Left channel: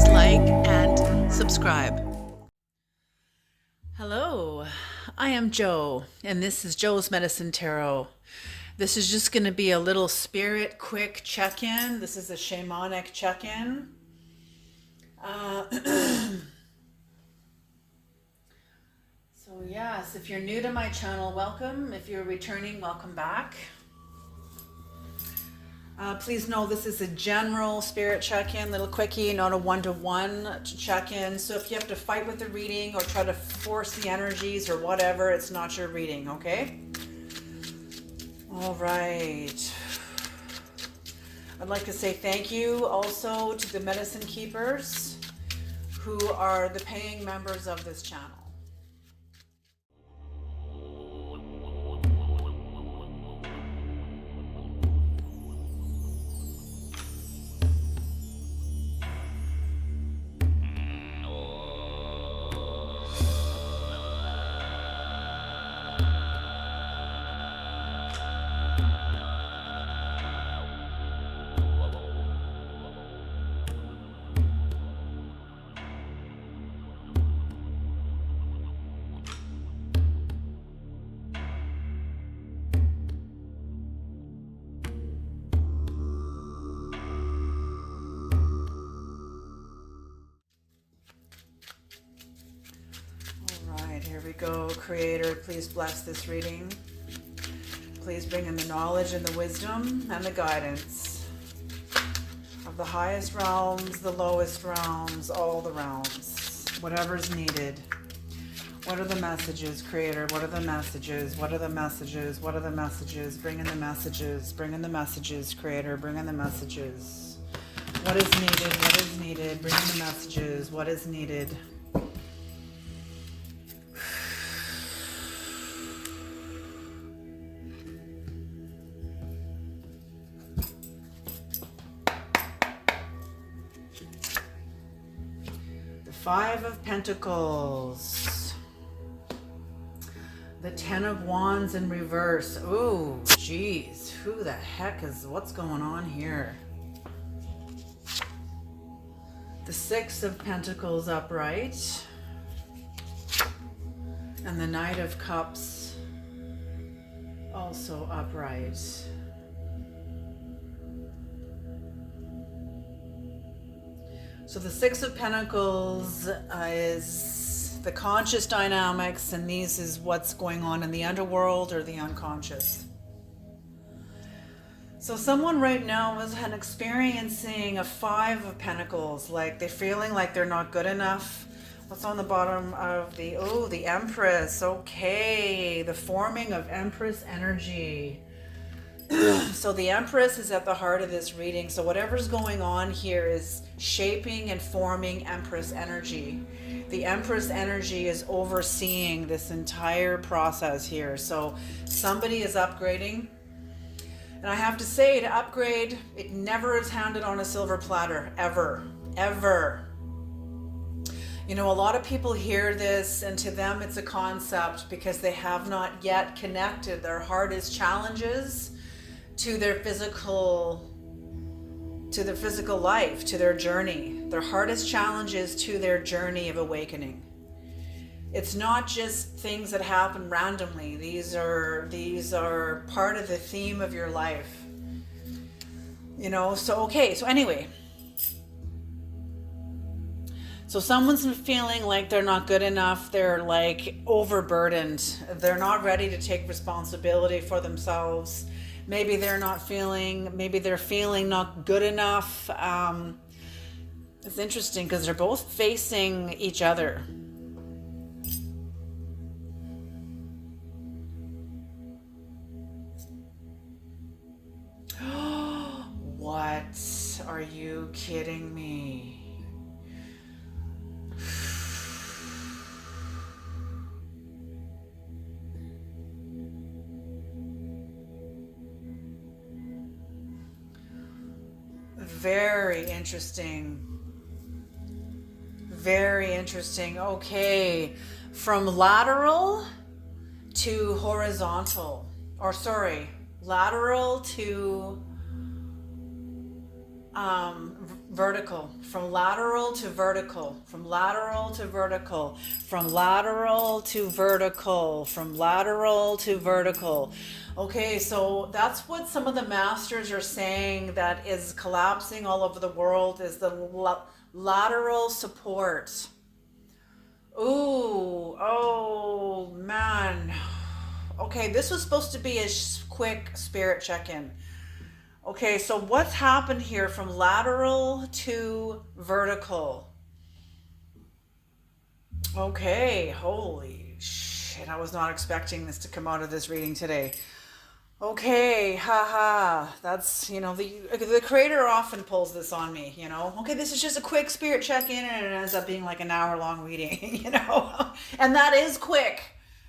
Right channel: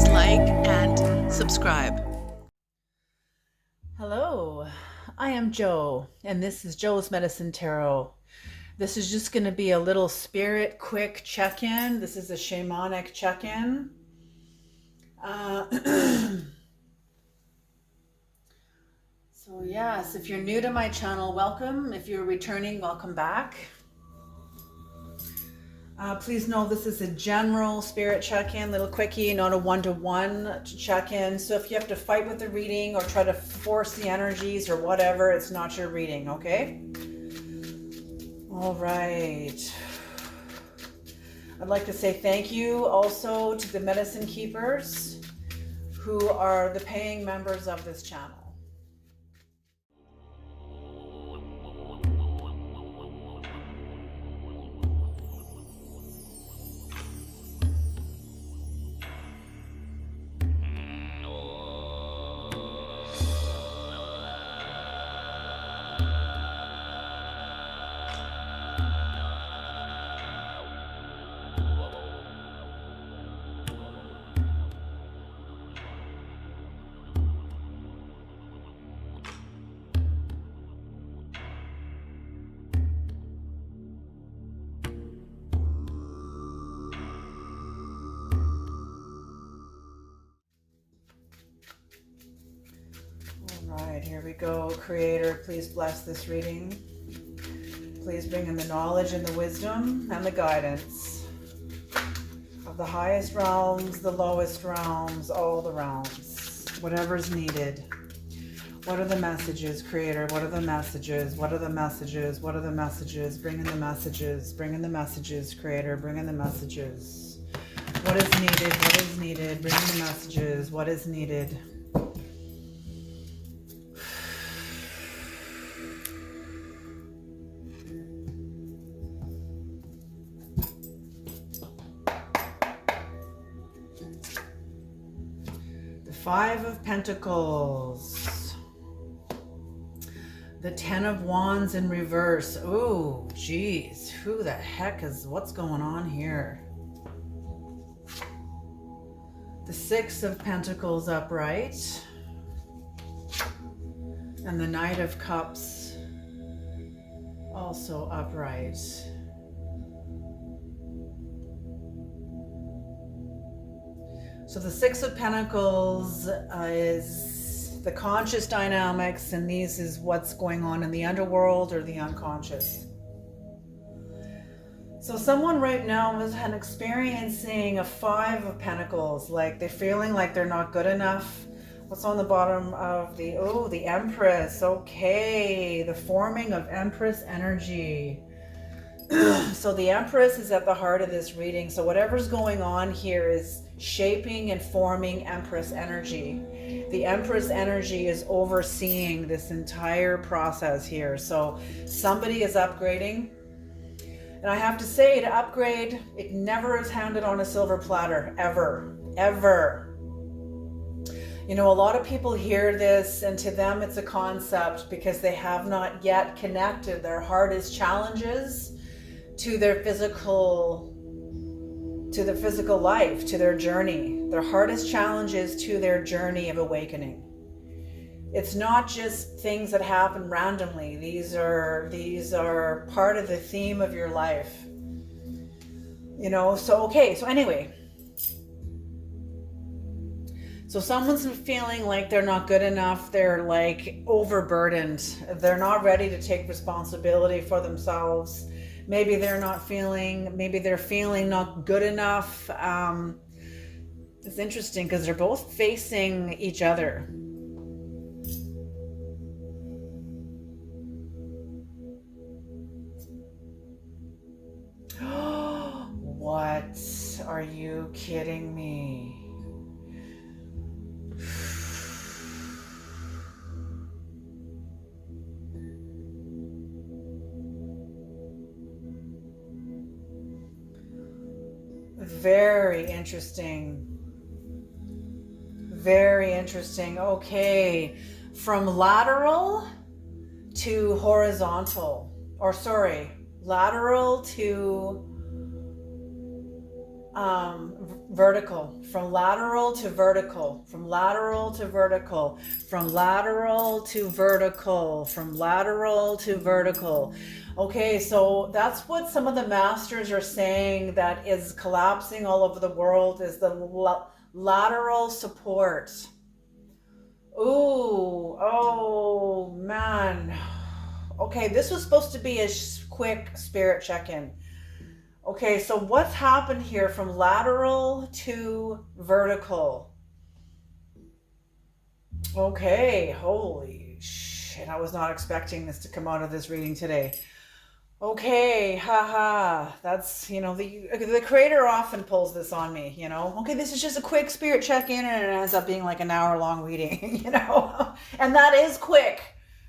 please like and subscribe. Hello, I am Joe, and this is Joe's Medicine Tarot. This is just going to be a little spirit quick check-in. This is a shamanic check-in. So yes, if you're new to my channel, welcome. If you're returning, welcome back. Please know this is a general spirit check-in, little quickie, not a one-to-one check-in. So if you have to fight with the reading or try to force the energies or whatever, it's not your reading, okay? All right. I'd like to say thank you also to the medicine keepers who are the paying members of this channel. Here we go. Creator, please bless this reading. Please bring in the knowledge and the wisdom and the guidance of the highest realms, the lowest realms, all the realms, whatever's needed. What are the messages, Creator? What are the messages? What are the messages? What are the messages? Bring in the messages. Bring in the messages, Creator. Bring in the messages. What is needed? What is needed? Bring in the messages. What is needed? Five of Pentacles, the Ten of Wands in reverse. Oh, geez, who the heck is, what's going on here? The Six of Pentacles upright, and the Knight of Cups also upright. So the Six of Pentacles is the conscious dynamics, and these is what's going on in the underworld or the unconscious. So someone right now is experiencing a Five of Pentacles, like they're feeling like they're not good enough. What's on the bottom of the, oh, the Empress. Okay, the forming of Empress energy. So the Empress is at the heart of this reading. So whatever's going on here is shaping and forming Empress energy. The Empress energy is overseeing this entire process here. So somebody is upgrading. And I have to say, to upgrade, it never is handed on a silver platter, ever, ever. You know, a lot of people hear this and to them it's a concept because they have not yet connected their hardest challenges to their physical life, to their journey, their hardest challenges to their journey of awakening. It's not just things that happen randomly. These are part of the theme of your life. You know, so okay, so anyway. So someone's feeling like they're not good enough, they're like overburdened, they're not ready to take responsibility for themselves. Maybe they're feeling not good enough. It's interesting because they're both facing each other. What? Are you kidding me? Very interesting. Very interesting. Okay. From lateral to horizontal. Or sorry, lateral to vertical, from lateral to vertical, from lateral to vertical, from lateral to vertical, from lateral to vertical. Okay, so that's what some of the masters are saying that is collapsing all over the world, is the lateral support. Ooh, oh man. Okay, this was supposed to be a quick spirit check-in. Okay, so what's happened here from lateral to vertical? Okay, holy shit, I was not expecting this to come out of this reading today. Okay, haha, that's, the creator often pulls this on me, Okay, this is just a quick spirit check-in and it ends up being like an hour-long reading, And that is quick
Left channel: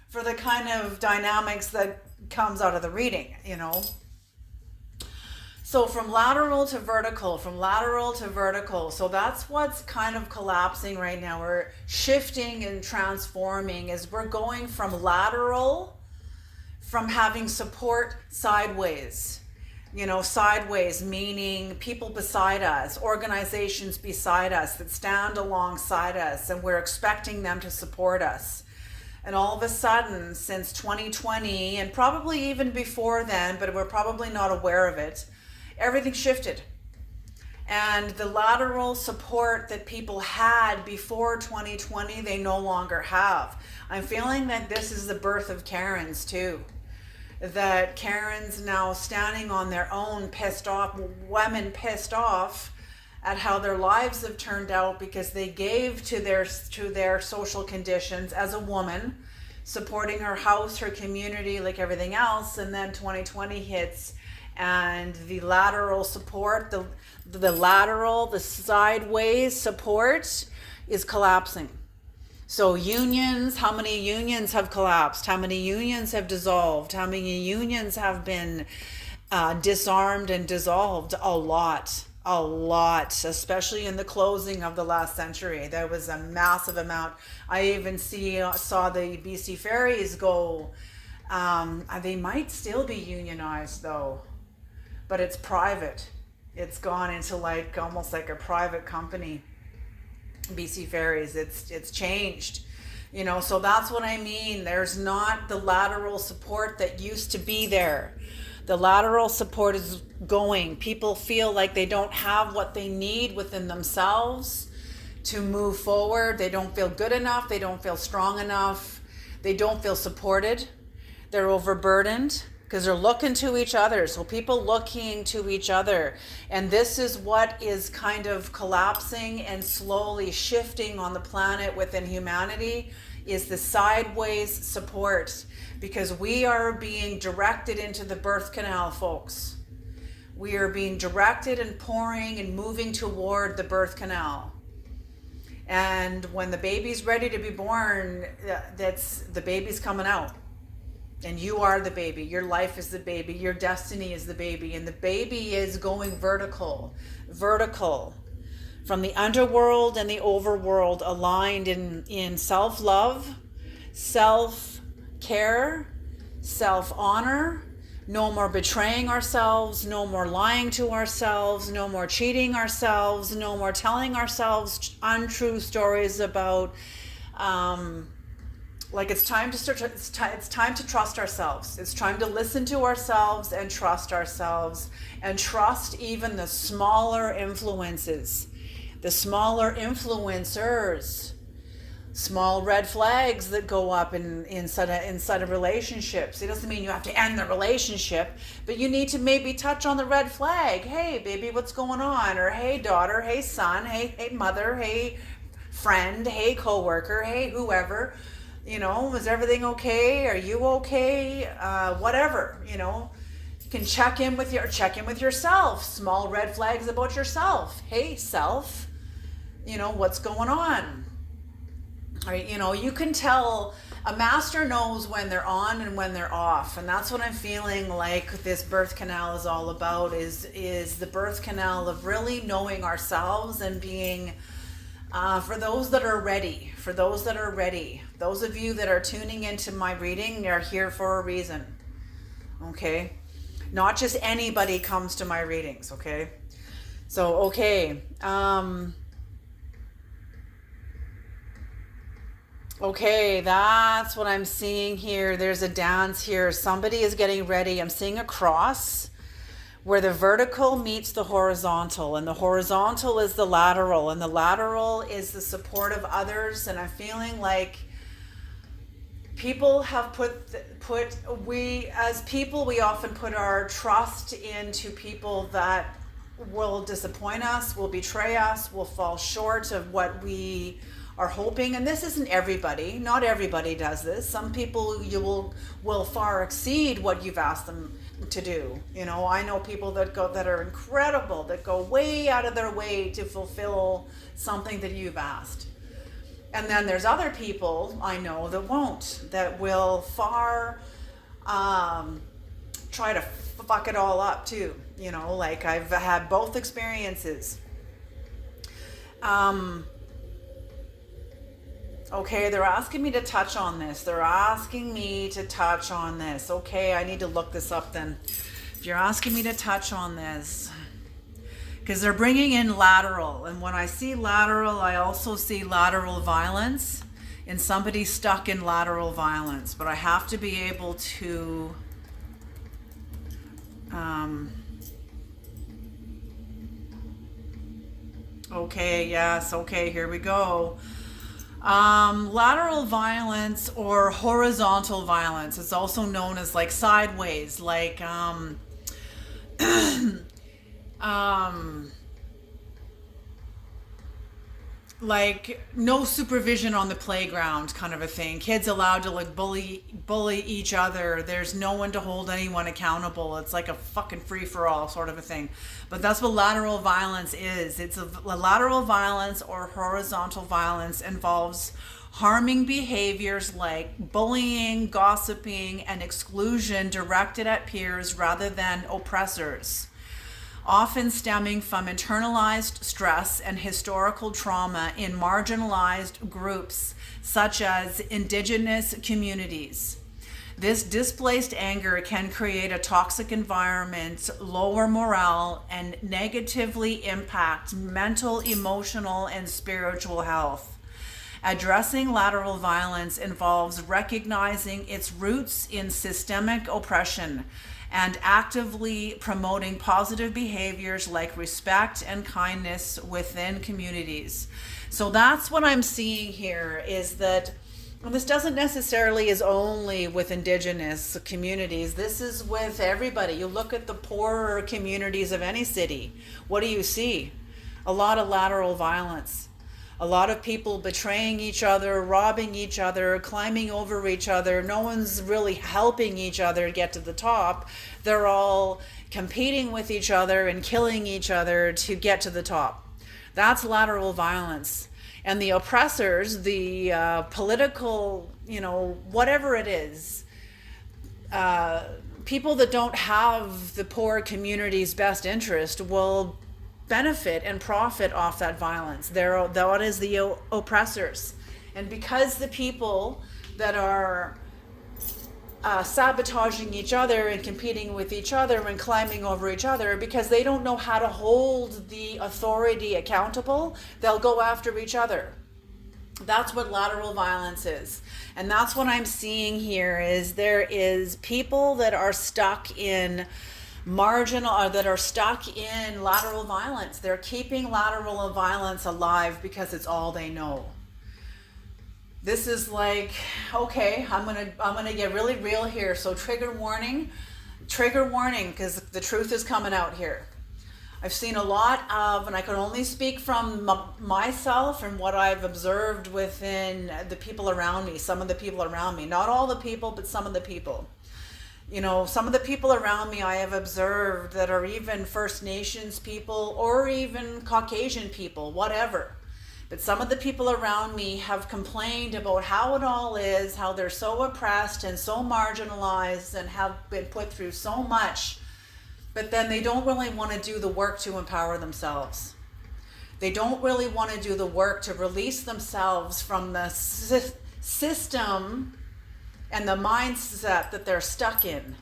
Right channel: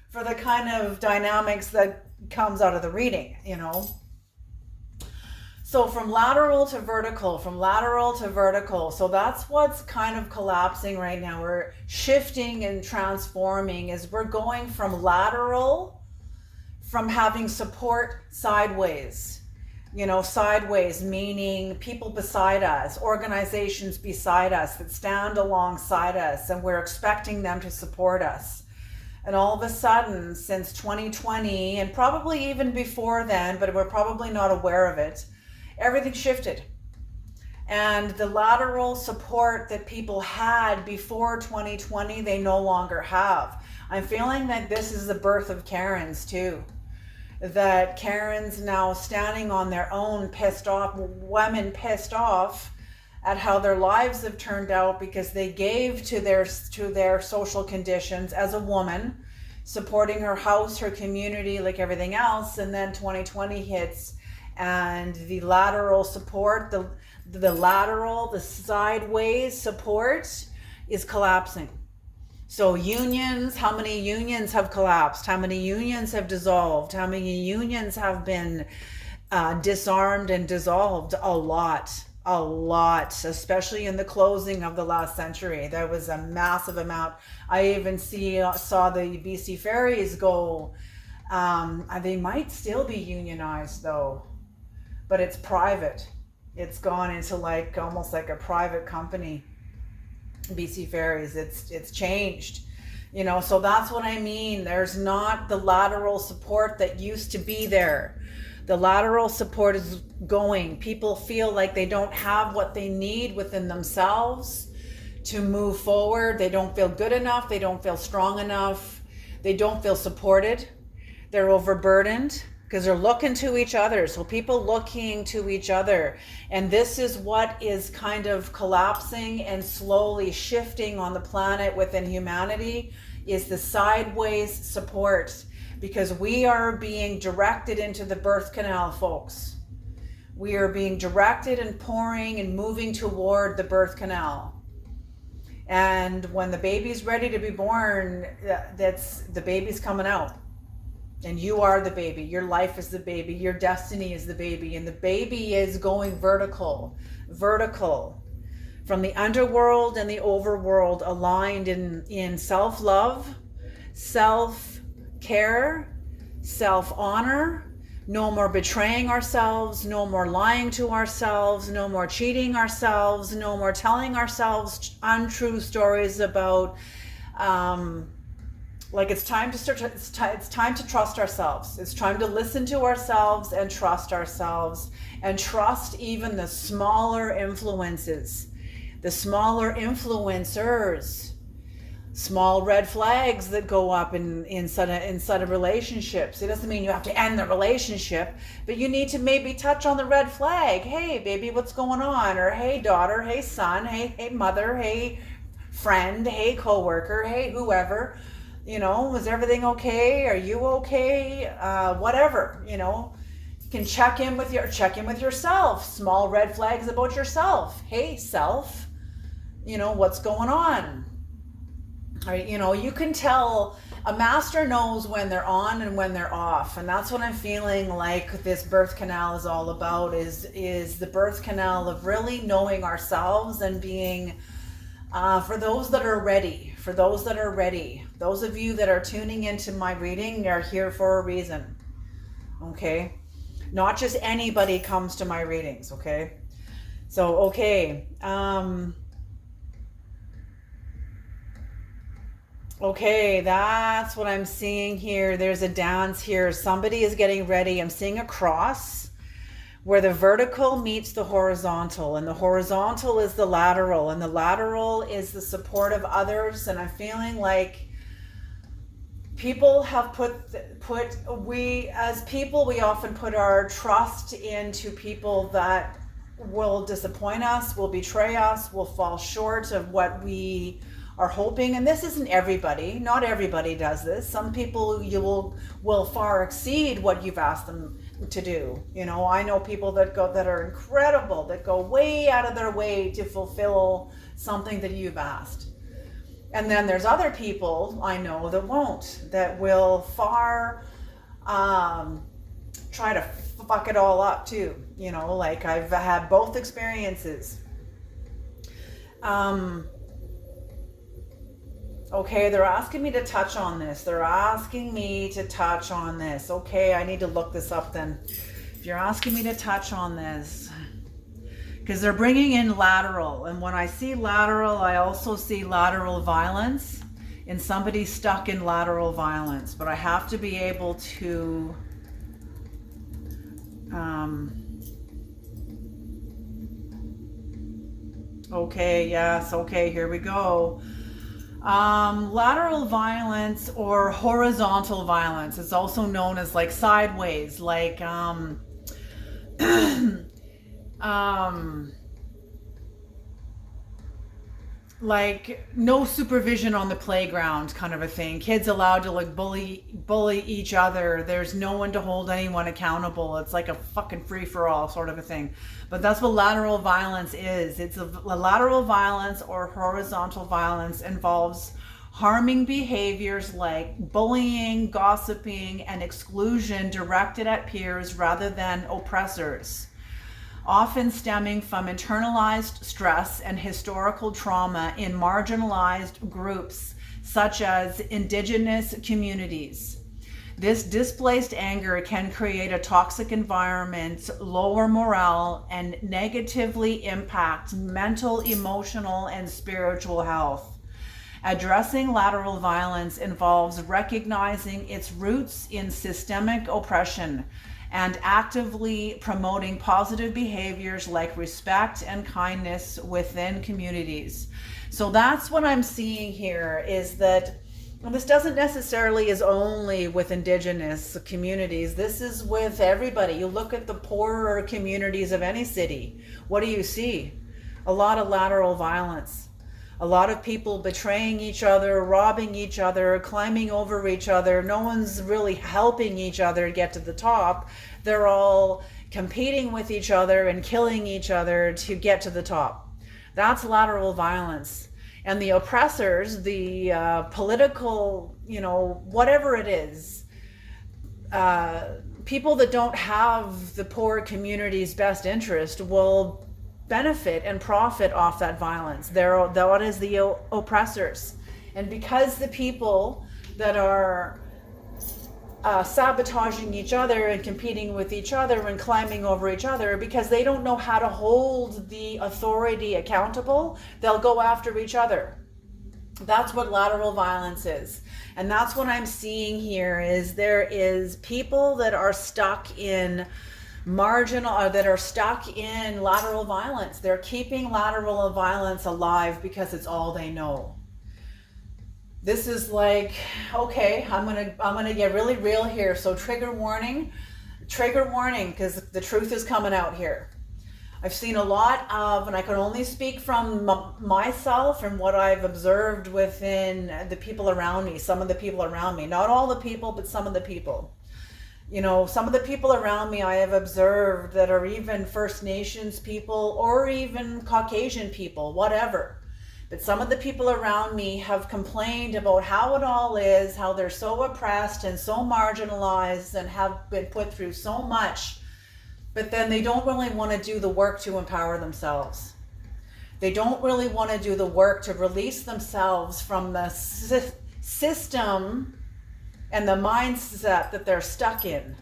for the kind of dynamics that comes out of the reading, So from lateral to vertical, from lateral to vertical. So that's what's kind of collapsing right now. We're shifting and transforming as we're going from lateral, from having support sideways. Sideways meaning people beside us, organizations beside us that stand alongside us, and we're expecting them to support us. And all of a sudden, since 2020, and probably even before then, but we're probably not aware of it, everything shifted. And the lateral support that people had before 2020, they no longer have. I'm feeling that this is the birth of Karens too. That Karens now standing on their own, pissed off, women pissed off at how their lives have turned out because they gave to their social conditions as a woman, supporting her house, her community, like everything else, and then 2020 hits. And the lateral support, the sideways support is collapsing. So unions, how many unions have collapsed? How many unions have dissolved? How many unions have been disarmed and dissolved? A lot, especially in the closing of the last century. There was a massive amount. I even saw the BC ferries go. They might still be unionized though, but it's private. It's gone into almost like a private company. BC ferries, it's changed, so that's what I mean. There's not the lateral support that used to be there. The lateral support is going. People feel like they don't have what they need within themselves to move forward. They don't feel good enough. They don't feel strong enough. They don't feel supported. They're overburdened because they're looking to each other. So people looking to each other. And this is what is kind of collapsing and slowly shifting on the planet within humanity, is the sideways support. Because we are being directed into the birth canal, folks. We are being directed and pouring and moving toward the birth canal. And when the baby's ready to be born, the baby's coming out. And you are the baby. Your life is the baby. Your destiny is the baby. And the baby is going vertical. From the underworld and the overworld, aligned in self-love, self-care, self-honor. No more betraying ourselves. No more lying to ourselves. No more cheating ourselves. No more telling ourselves untrue stories about... it's time to start. It's time to trust ourselves. It's time to listen to ourselves and trust ourselves, and trust even the smaller influences, the smaller influencers, small red flags that go up inside of relationships. It doesn't mean you have to end the relationship, but you need to maybe touch on the red flag. Hey, baby, what's going on? Or hey, daughter. Hey, son. Hey, mother. Hey, friend. Hey, coworker. Hey, whoever. Is everything okay? Are you okay? Whatever, you can check in with yourself. Small red flags about yourself. Hey, self, what's going on? Or, you can tell. A master knows when they're on and when they're off. And that's what I'm feeling like this birth canal is all about, is the birth canal of really knowing ourselves and being, for those that are ready, those of you that are tuning into my reading, you're here for a reason, okay? Not just anybody comes to my readings, okay? So, okay. Okay, that's what I'm seeing here. There's a dance here. Somebody is getting ready. I'm seeing a cross where the vertical meets the horizontal, and the horizontal is the lateral, and the lateral is the support of others. And I'm feeling like people have we as people, we often put our trust into people that will disappoint us, will betray us, will fall short of what we are hoping. And this isn't everybody. Not everybody does this. Some people you will far exceed what you've asked them to do. You know, I know people that are incredible, that go way out of their way to fulfill something that you've asked. And then there's other people I know that won't, that will far try to fuck it all up too. You know, like I've had both experiences. Okay, they're asking me to touch on this. They're asking me to touch on this. Okay, I need to look this up then. If you're asking me to touch on this, because they're bringing in lateral. And when I see lateral, I also see lateral violence, and somebody stuck in lateral violence. But I have to be able to okay, yes, okay, here we go. Lateral violence or horizontal violence. It's also known as like sideways, like like no supervision on the playground kind of a thing. Kids allowed to like bully each other. There's no one to hold anyone accountable. It's like a fucking free for all sort of a thing. But that's what lateral violence is. It's a lateral violence or horizontal violence involves harming behaviors like bullying, gossiping, and exclusion directed at peers rather than oppressors, often stemming from internalized stress and historical trauma in marginalized groups such as Indigenous communities. This displaced anger can create a toxic environment, lower morale, and negatively impact mental, emotional, and spiritual health. Addressing lateral violence involves recognizing its roots in systemic oppression and actively promoting positive behaviors like respect and kindness within communities. So that's what I'm seeing here, is that this doesn't necessarily is only with Indigenous communities. This is with everybody. You look at the poorer communities of any city. What do you see? A lot of lateral violence. A lot of people betraying each other, robbing each other, climbing over each other. No one's really helping each other get to the top. They're all competing with each other and killing each other to get to the top. That's lateral violence. And the oppressors, the political, whatever it is, people that don't have the poor community's best interest will benefit and profit off that violence. That is the oppressors. And because the people that are sabotaging each other and competing with each other and climbing over each other, because they don't know how to hold the authority accountable, they'll go after each other. That's what lateral violence is. And that's what I'm seeing here, is there is people that are stuck in that are stuck in lateral violence. They're keeping lateral violence alive because it's all they know. This is like, okay, I'm gonna get really real here. So trigger warning, because the truth is coming out here. I've seen a lot of, and I can only speak from myself and what I've observed within the people around me, some of the people around me, not all the people, but some of the people. Some of the people around me I have observed that are even First Nations people or even Caucasian people, whatever. But some of the people around me have complained about how it all is, how they're so oppressed and so marginalized and have been put through so much. But then they don't really want to do the work to empower themselves. They don't really want to do the work to release themselves from the system and the mindset that they're stuck in.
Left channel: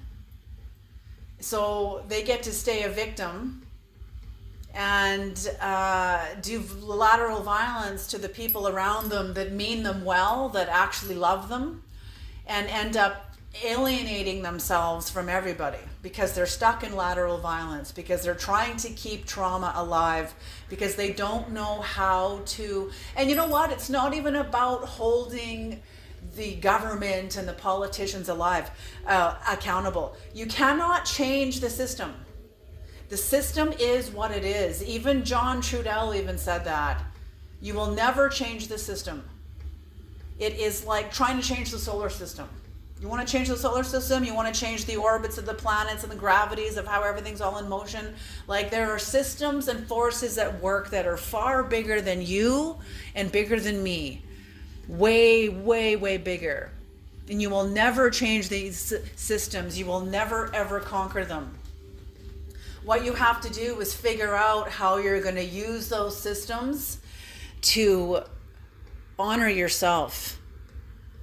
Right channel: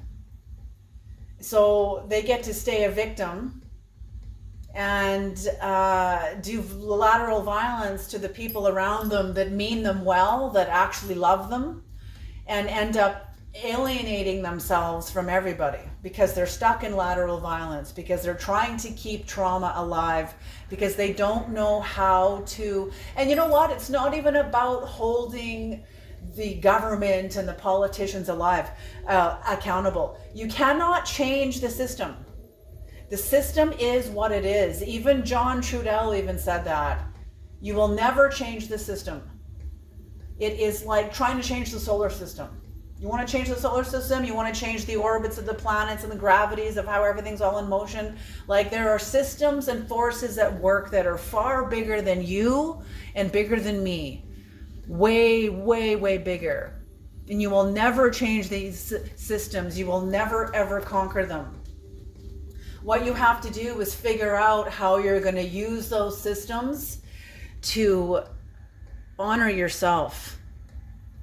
So they get to stay a victim and do lateral violence to the people around them that mean them well, that actually love them, and end up alienating themselves from everybody because they're stuck in lateral violence, because they're trying to keep trauma alive, because they don't know how to. And you know what? It's not even about holding the government and the politicians accountable. You cannot change the system. The system is what it is. Even John Trudell even said that. You will never change the system. It is like trying to change the solar system. You want to change the solar system, you want to change the orbits of the planets and the gravities of how everything's all in motion. Like, there are systems and forces at work that are far bigger than you and bigger than me. Way, way, way bigger. And you will never change these systems. You will never, ever conquer them. What you have to do is figure out how you're going to use those systems to honor yourself.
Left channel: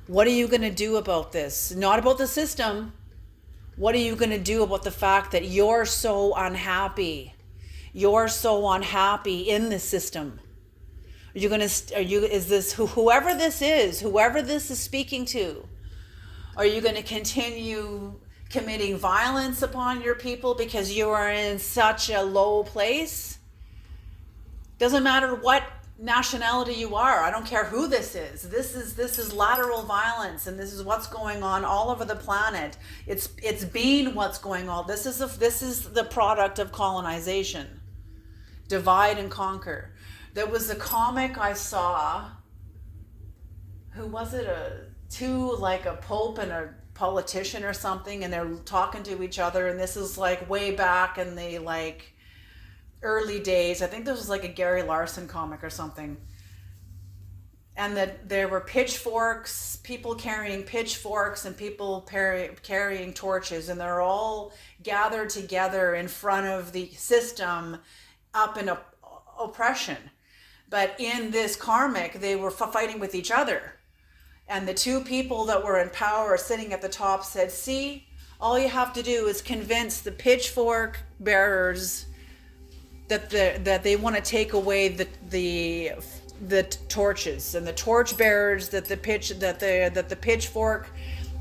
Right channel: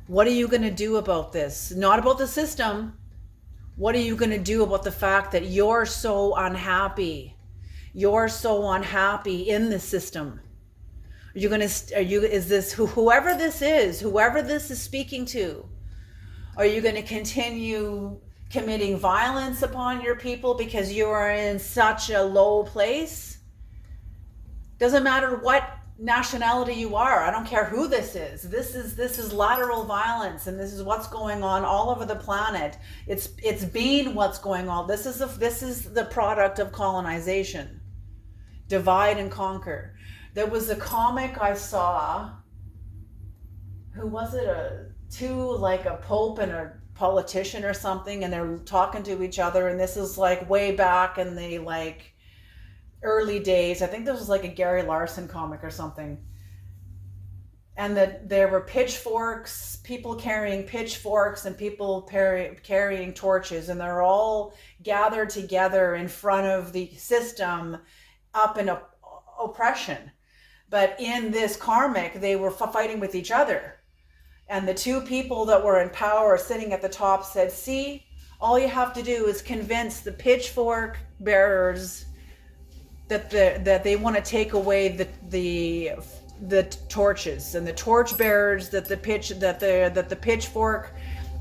What are you going to do about this? Not about the system. What are you going to do about the fact that you're so unhappy? You're so unhappy in the system. Whoever this is speaking to, are you going to continue committing violence upon your people because you are in such a low place? Doesn't matter what nationality you are. I don't care who this is. This is lateral violence, and this is what's going on all over the planet. It's been what's going on. This is the product of colonization. Divide and conquer. There was a comic I saw. Who was it? Like a pope and a politician or something, and they're talking to each other, and this is like way back in the like early days. I think this was like a Gary Larson comic or something. And that there were pitchforks, people carrying pitchforks and people carrying torches, and they're all gathered together in front of the system up in oppression. But in this karmic, they were fighting with each other. And the two people that were in power sitting at the top said, see, all you have to do is convince the pitchfork bearers that they want to take away the torches, and the torch bearers that the pitchfork,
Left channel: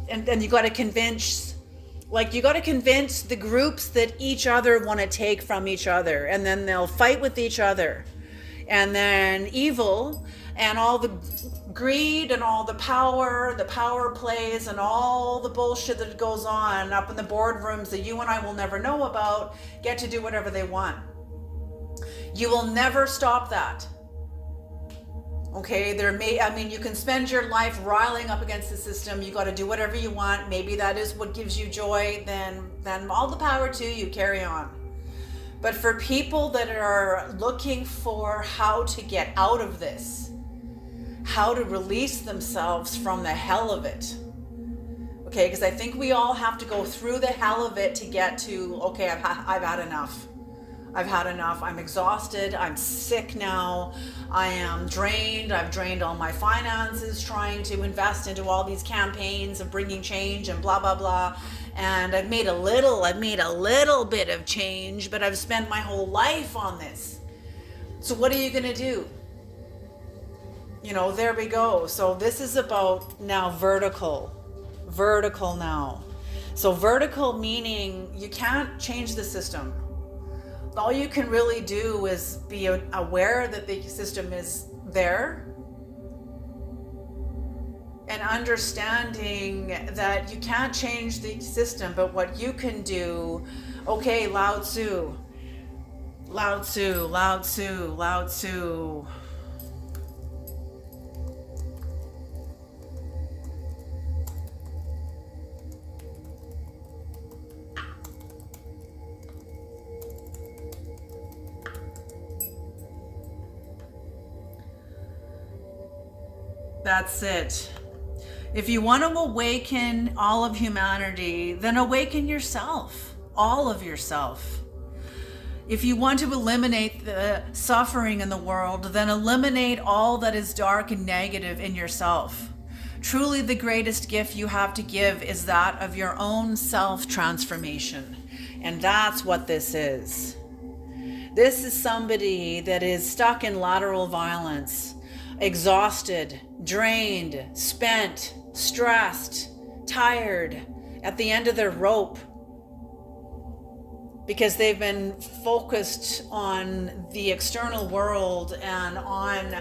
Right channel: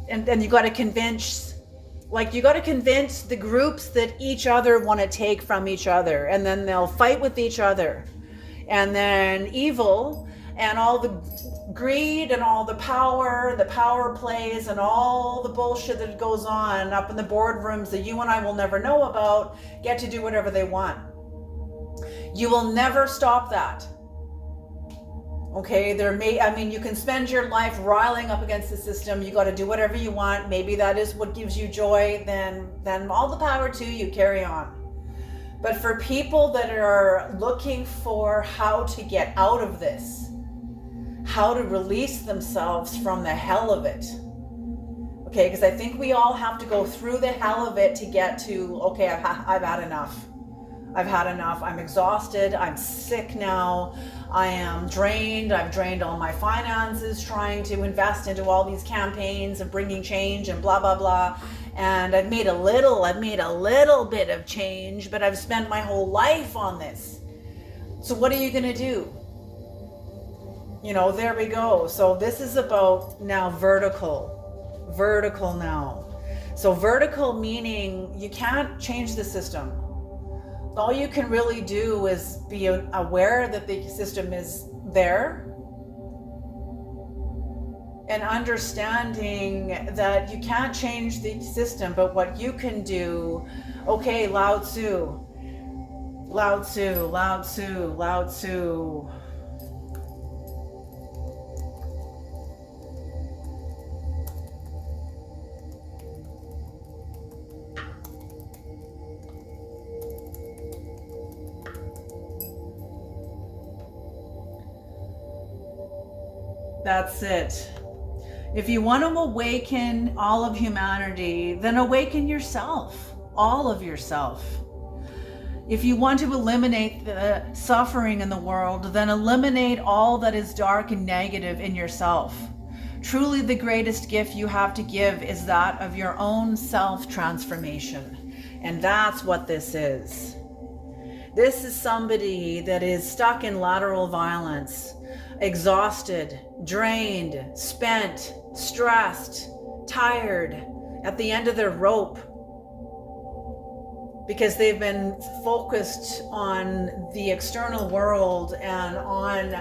and you got to convince the groups that each other want to take from each other, and then they'll fight with each other, and then evil and all the greed and all the power plays and all the bullshit that goes on up in the boardrooms that you and I will never know about get to do whatever they want. You will never stop that. Okay, you can spend your life riling up against the system. You got to do whatever you want. Maybe that is what gives you joy. Then all the power to you. Carry on. But for people that are looking for how to get out of this, how to release themselves from the hell of it. Okay, because I think we all have to go through the hell of it to get to, okay, I've had enough. I've had enough. I'm exhausted. I'm sick now. I am drained. I've drained all my finances trying to invest into all these campaigns of bringing change and blah, blah, blah. And I've made a little bit of change, but I've spent my whole life on this. So what are you going to do? There we go. So this is about now vertical now. So vertical meaning you can't change the system. All you can really do is be aware that the system is there, and understanding that you can't change the system, but what you can do, okay, Lao Tzu. That's it. If you want to awaken all of humanity, then awaken yourself, all of yourself. If you want to eliminate the suffering in the world, then eliminate all that is dark and negative in yourself. Truly, the greatest gift you have to give is that of your own self-transformation. And that's what this is. This is somebody that is stuck in lateral violence, exhausted, drained, spent, stressed, tired, at the end of their rope, because they've been focused on the external world and on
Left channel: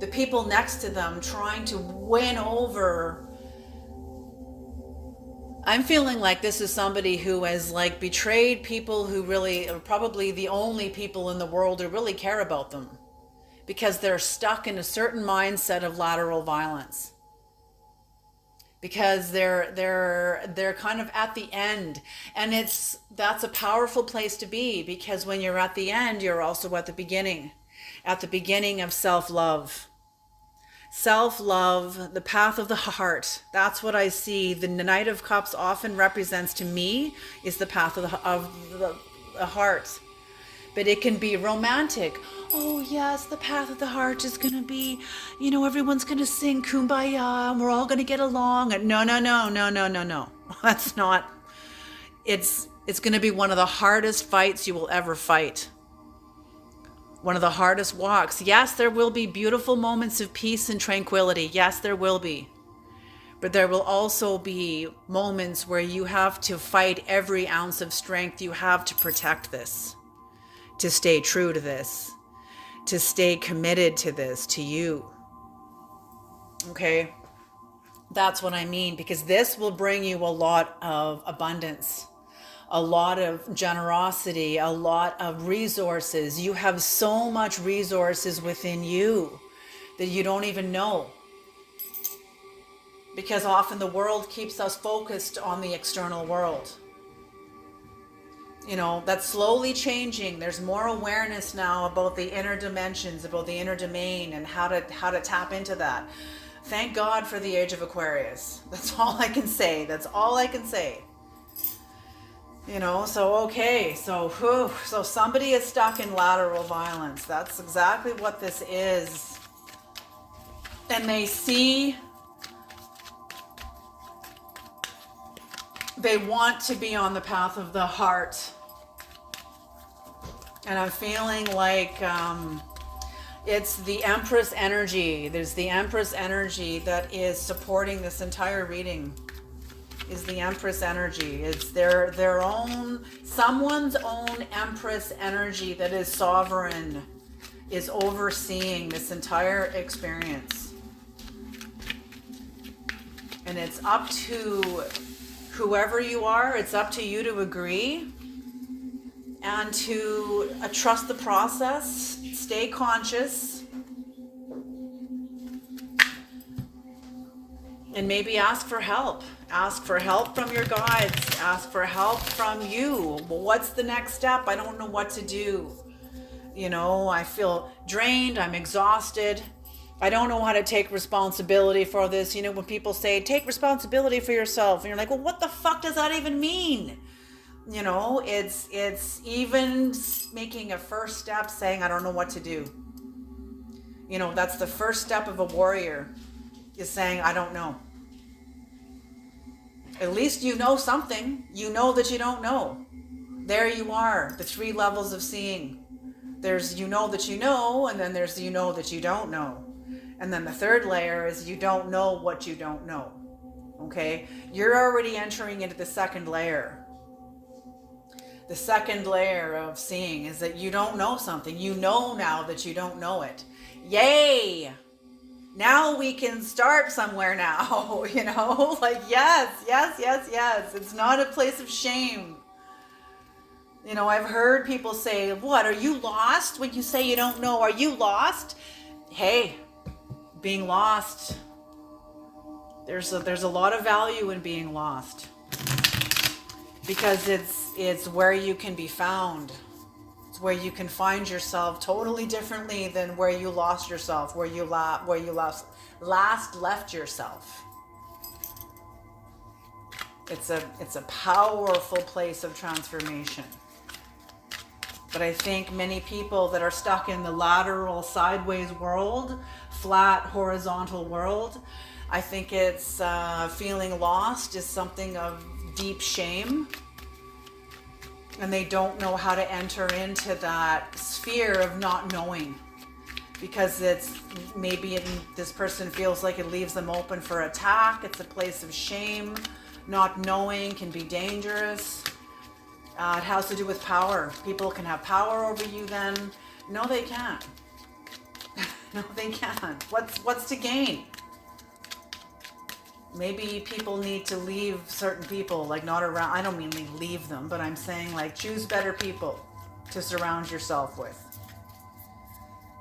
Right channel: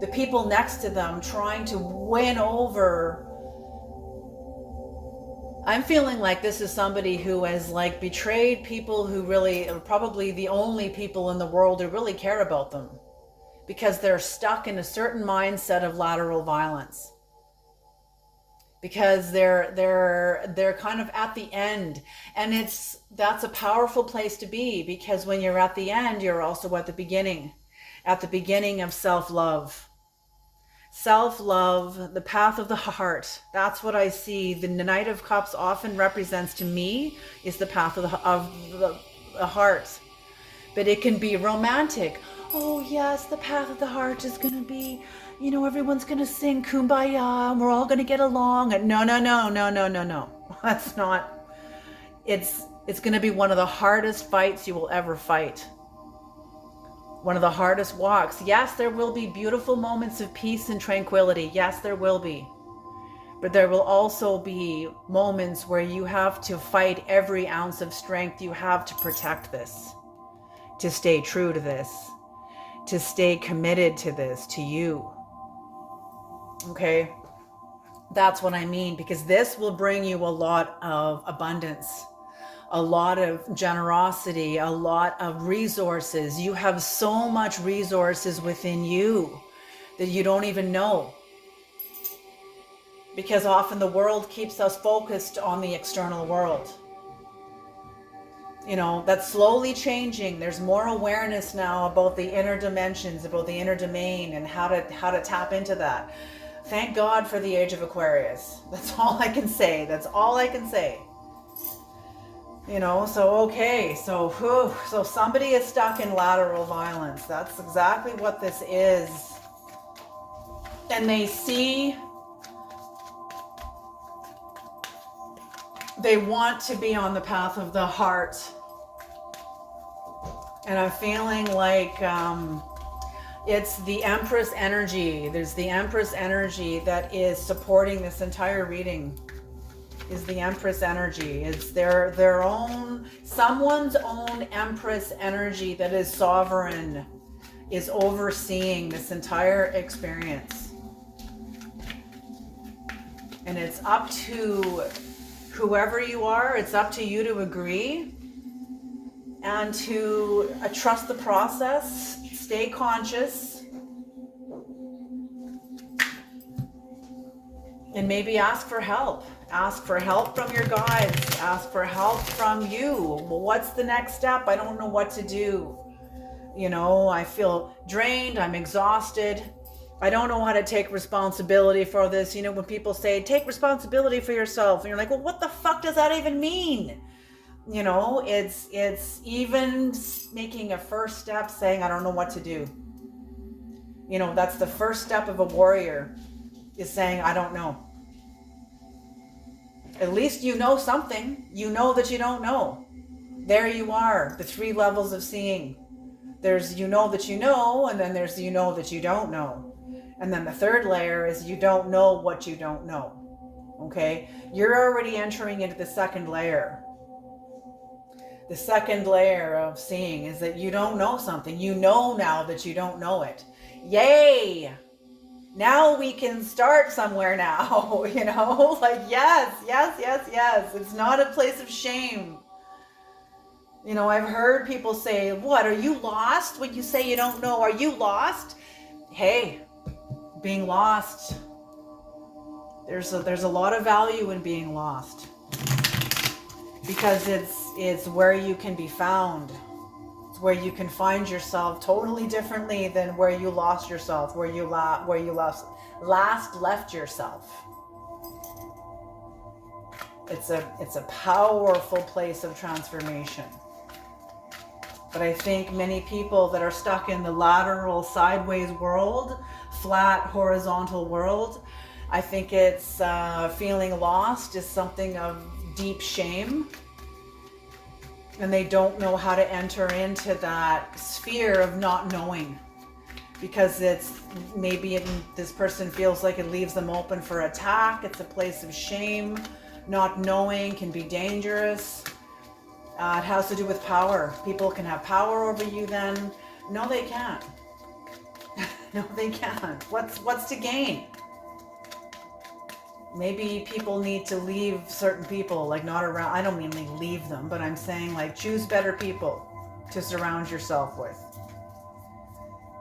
the people next to them, trying to win over. I'm feeling like this is somebody who has like betrayed people who really are probably the only people in the world who really care about them, because they're stuck in a certain mindset of lateral violence, because they're kind of at the end. And that's a powerful place to be, because when you're at the end, you're also at the beginning of self-love. Self-love, the path of the heart. That's what I see. The Knight of Cups often represents to me is the path of the heart. But it can be romantic. Oh yes, the path of the heart is going to be, everyone's going to sing Kumbaya and we're all going to get along. No. That's not. It's going to be one of the hardest fights you will ever fight. One of the hardest walks. Yes, there will be beautiful moments of peace and tranquility. Yes, there will be. But there will also be moments where you have to fight every ounce of strength you have to protect this, to stay true to this, to stay committed to this, to you. Okay? That's what I mean, because this will bring you a lot of abundance, a lot of generosity, a lot of resources. You have so much resources within you that you don't even know. Because often the world keeps us focused on the external world. That's slowly changing. There's more awareness now about the inner dimensions, about the inner domain, and how to tap into that. Thank God for the age of Aquarius. That's all I can say. So somebody is stuck in lateral violence. That's exactly what this is. And they want to be on the path of the heart. And I'm feeling like it's the Empress energy. There's the Empress energy that is supporting this entire reading. Is the Empress energy. It's their own, someone's own Empress energy that is sovereign, is overseeing this entire experience. And it's up to whoever you are, it's up to you to agree and to trust the process, stay conscious, and maybe ask for help. Ask for help from your guides. Ask for help from you. Well, what's the next step? I don't know what to do. I feel drained. I'm exhausted. I don't know how to take responsibility for this. When people say, take responsibility for yourself. And you're like, well, what the fuck does that even mean? It's even making a first step saying, I don't know what to do. That's the first step of a warrior, is saying, I don't know. At least you know something. You know that you don't know. There you are, the 3 levels of seeing. There's you know that you know, and then there's you know that you don't know. And then the 3rd layer is you don't know what you don't know. Okay? You're already entering into the 2nd layer. The 2nd layer of seeing is that you don't know something. You know now that you don't know it. Yay! Now we can start somewhere now, yes. It's not a place of shame. I've heard people say, what, are you lost when you say you don't know? Are you lost? Hey, being lost, there's a lot of value in being lost, because it's where you can be found. It's where you can find yourself totally differently than where you lost yourself, where you last left yourself. It's a powerful place of transformation. But I think many people that are stuck in the lateral, sideways world, flat, horizontal world, I think it's feeling lost is something of deep shame. And they don't know how to enter into that sphere of not knowing, because it's maybe this person feels like it leaves them open for attack. It's a place of shame. Not knowing can be dangerous. It has to do with power. People can have power over you then. No, they can't. No, they can't. What's to gain? Maybe people need to leave certain people, like not around. I don't mean they leave them, but I'm saying like choose better people to surround yourself with.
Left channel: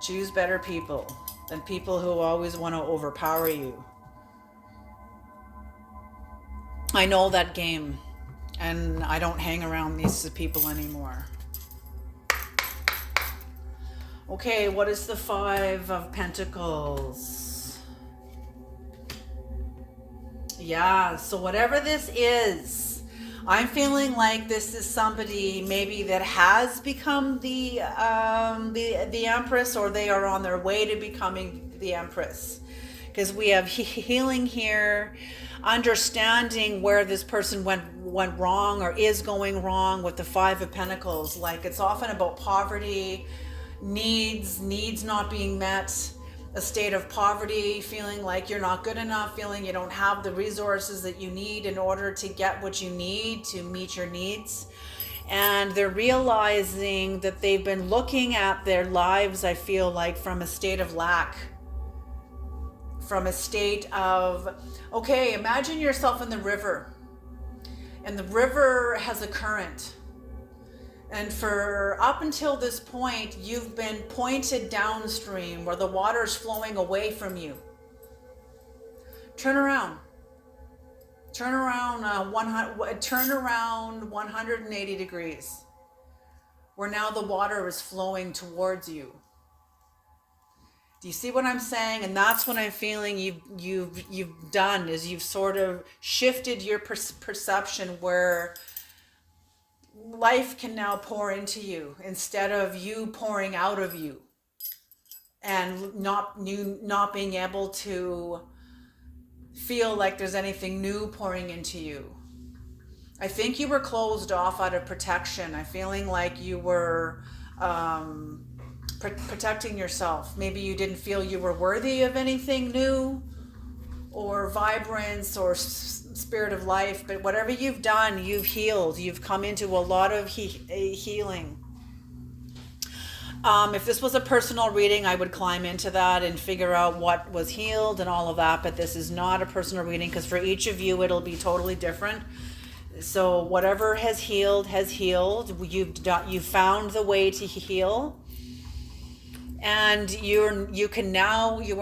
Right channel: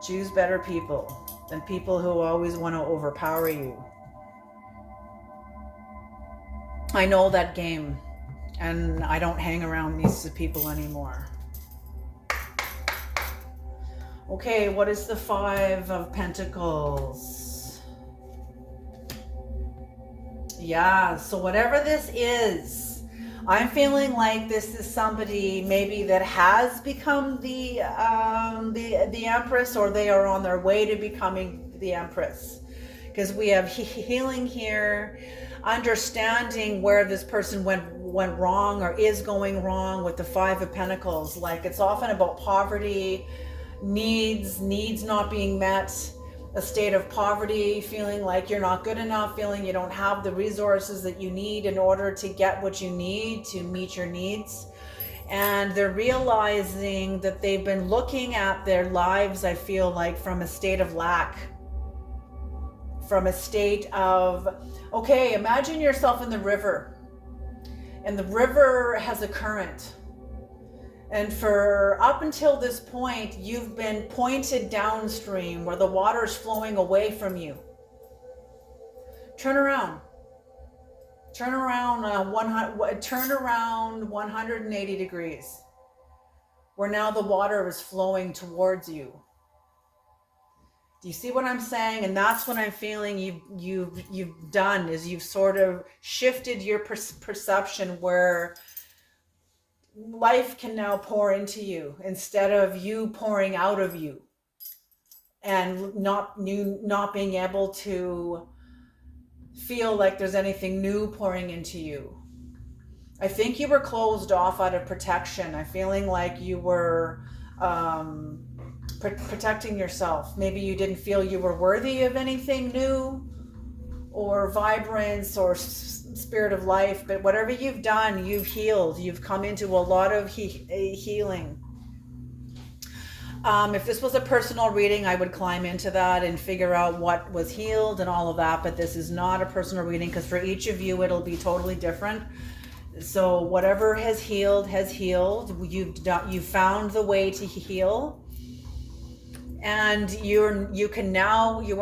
Choose better people than people who always want to overpower you. I know that game, and I don't hang around these people anymore. Okay, what is the Five of Pentacles? Yeah, so whatever this is, I'm feeling like this is somebody maybe that has become the Empress, or they are on their way to becoming the Empress. Because we have healing here, understanding where this person went wrong or is going wrong with the Five of Pentacles. Like it's often about poverty, needs not being met, a state of poverty, feeling like you're not good enough, feeling you don't have the resources that you need in order to get what you need to meet your needs. And they're realizing that they've been looking at their lives, I feel like, from a state of lack, from a state of, okay, imagine yourself in the river, and the river has a current. And for up until this point, you've been pointed downstream where the water's flowing away from you. Turn around. Turn around 180 degrees, where now the water is flowing towards you. Do you see what I'm saying? And that's what I'm feeling you've done, is you've sort of shifted your perception where life can now pour into you instead of you pouring out of you, and not being able to feel like there's anything new pouring into you. I think you were closed off out of protection. I'm feeling like you were protecting yourself. Maybe you didn't feel you were worthy of anything new or vibrance or spirit of life, but whatever you've done, you've healed. You've come into a lot of healing. If this was a personal reading, I would climb into that and figure out what was healed and all of that, but this is not a personal reading, because for each of you it'll be totally different. So whatever has healed has healed. You've found the way to heal, and you are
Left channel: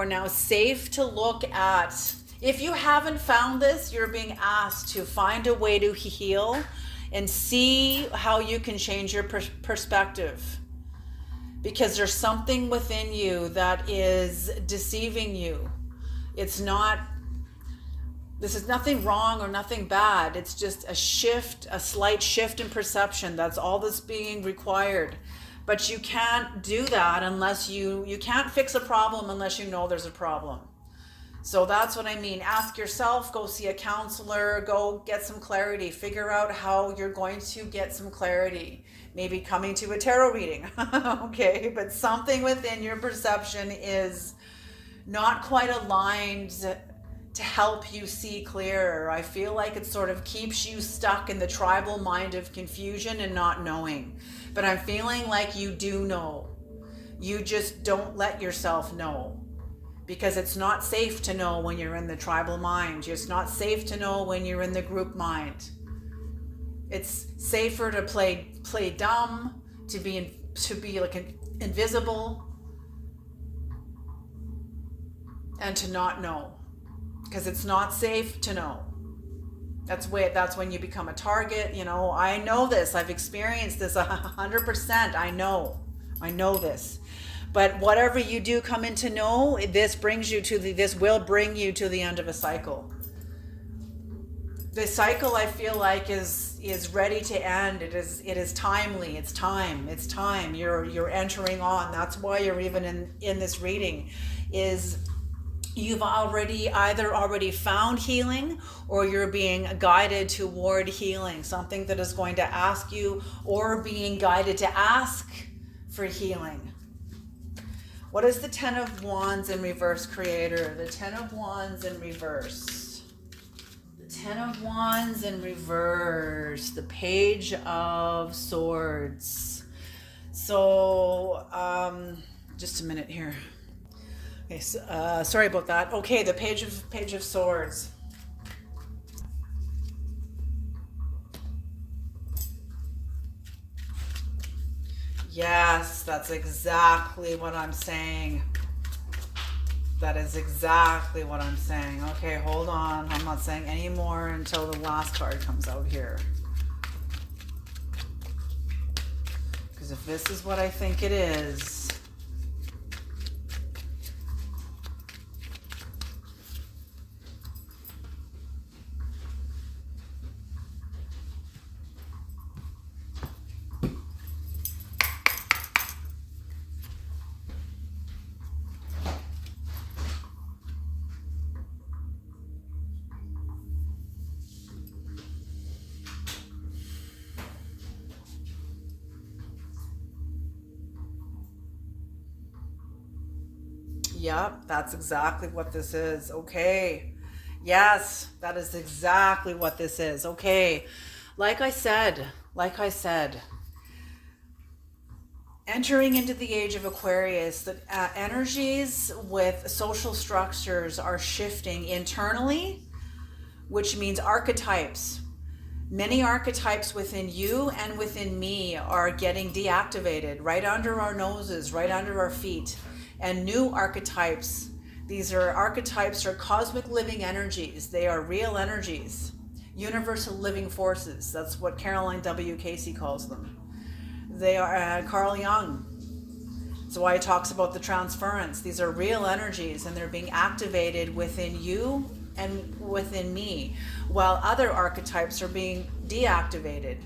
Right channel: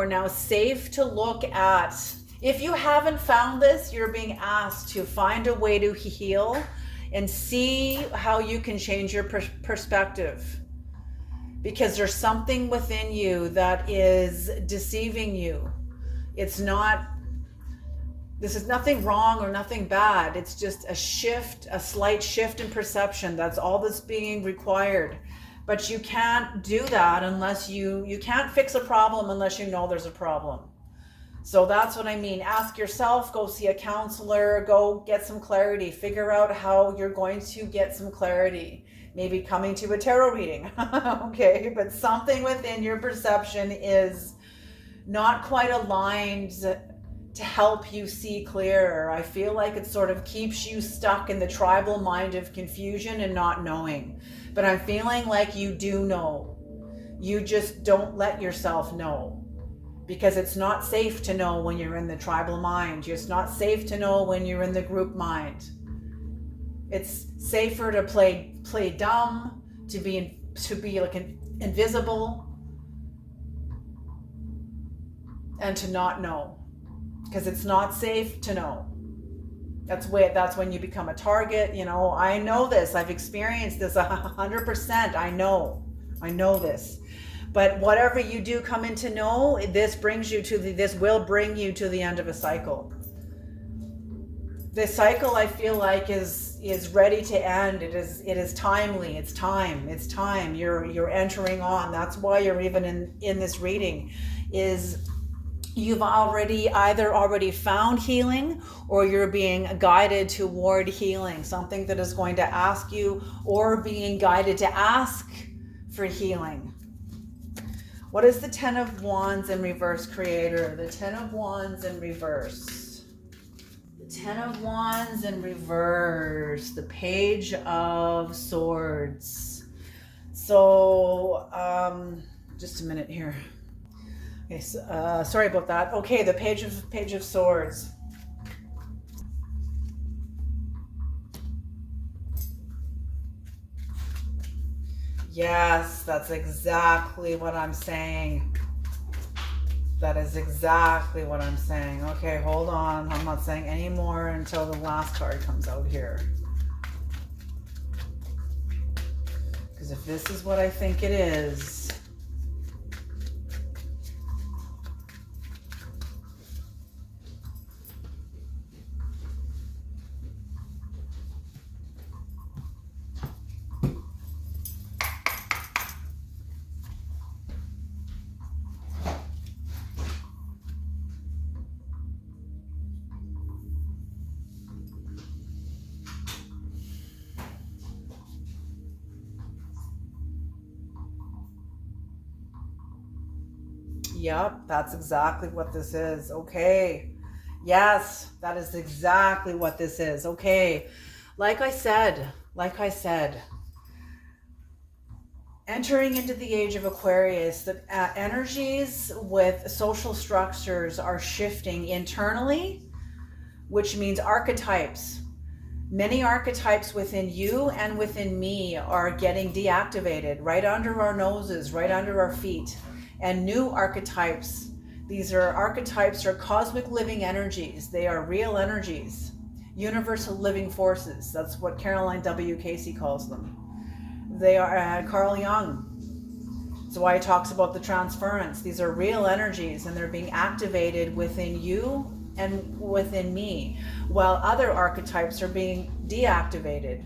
now safe to look at. If you haven't found this, you're being asked to find a way to heal and see how you can change your perspective, because there's something within you that is deceiving you. This is nothing wrong or nothing bad. It's just a shift, a slight shift in perception. That's all that's being required. But you can't do that unless you can't fix a problem unless you know there's a problem. So that's what I mean. Ask yourself, go see a counselor, go get some clarity, figure out how you're going to get some clarity. Maybe coming to a tarot reading, okay? But something within your perception is not quite aligned to help you see clearer. I feel like it sort of keeps you stuck in the tribal mind of confusion and not knowing. But I'm feeling like you do know. You just don't let yourself know, because it's not safe to know when you're in the tribal mind. It's not safe to know when you're in the group mind. It's safer to play dumb, to be like invisible, and to not know, because it's not safe to know. That's when you become a target. I know this. I've experienced this 100%. I know this. But whatever you do come in to know, this will bring you to the end of a cycle. The cycle, I feel like, is ready to end. It is timely. It's time. You're entering on. That's why you're even in this reading, is you've either already found healing, or you're being guided toward healing, something that is going to ask you, or being guided to ask for healing. What is the Ten of Wands in reverse, Creator? The Ten of Wands in reverse. The Ten of Wands in reverse. The Page of Swords. So, just a minute here. Okay, so, sorry about that. Okay, the Page of Swords. Yes, that's exactly what I'm saying. That is exactly what I'm saying. Okay, hold on. I'm not saying any more until the last card comes out here. Because if this is what I think it is, yep, that's exactly what this is. Okay. Yes, that is exactly what this is. Okay. Like I said, entering into the age of Aquarius, the energies with social structures are shifting internally, which means archetypes. Many archetypes within you and within me are getting deactivated right under our noses, right under our feet. And new archetypes, these are archetypes are cosmic living energies. They are real energies, universal living forces. That's what Caroline W. Casey calls them. They are Carl Jung. That's why he talks about the transference. These are real energies, and they're being activated within you and within me, while other archetypes are being deactivated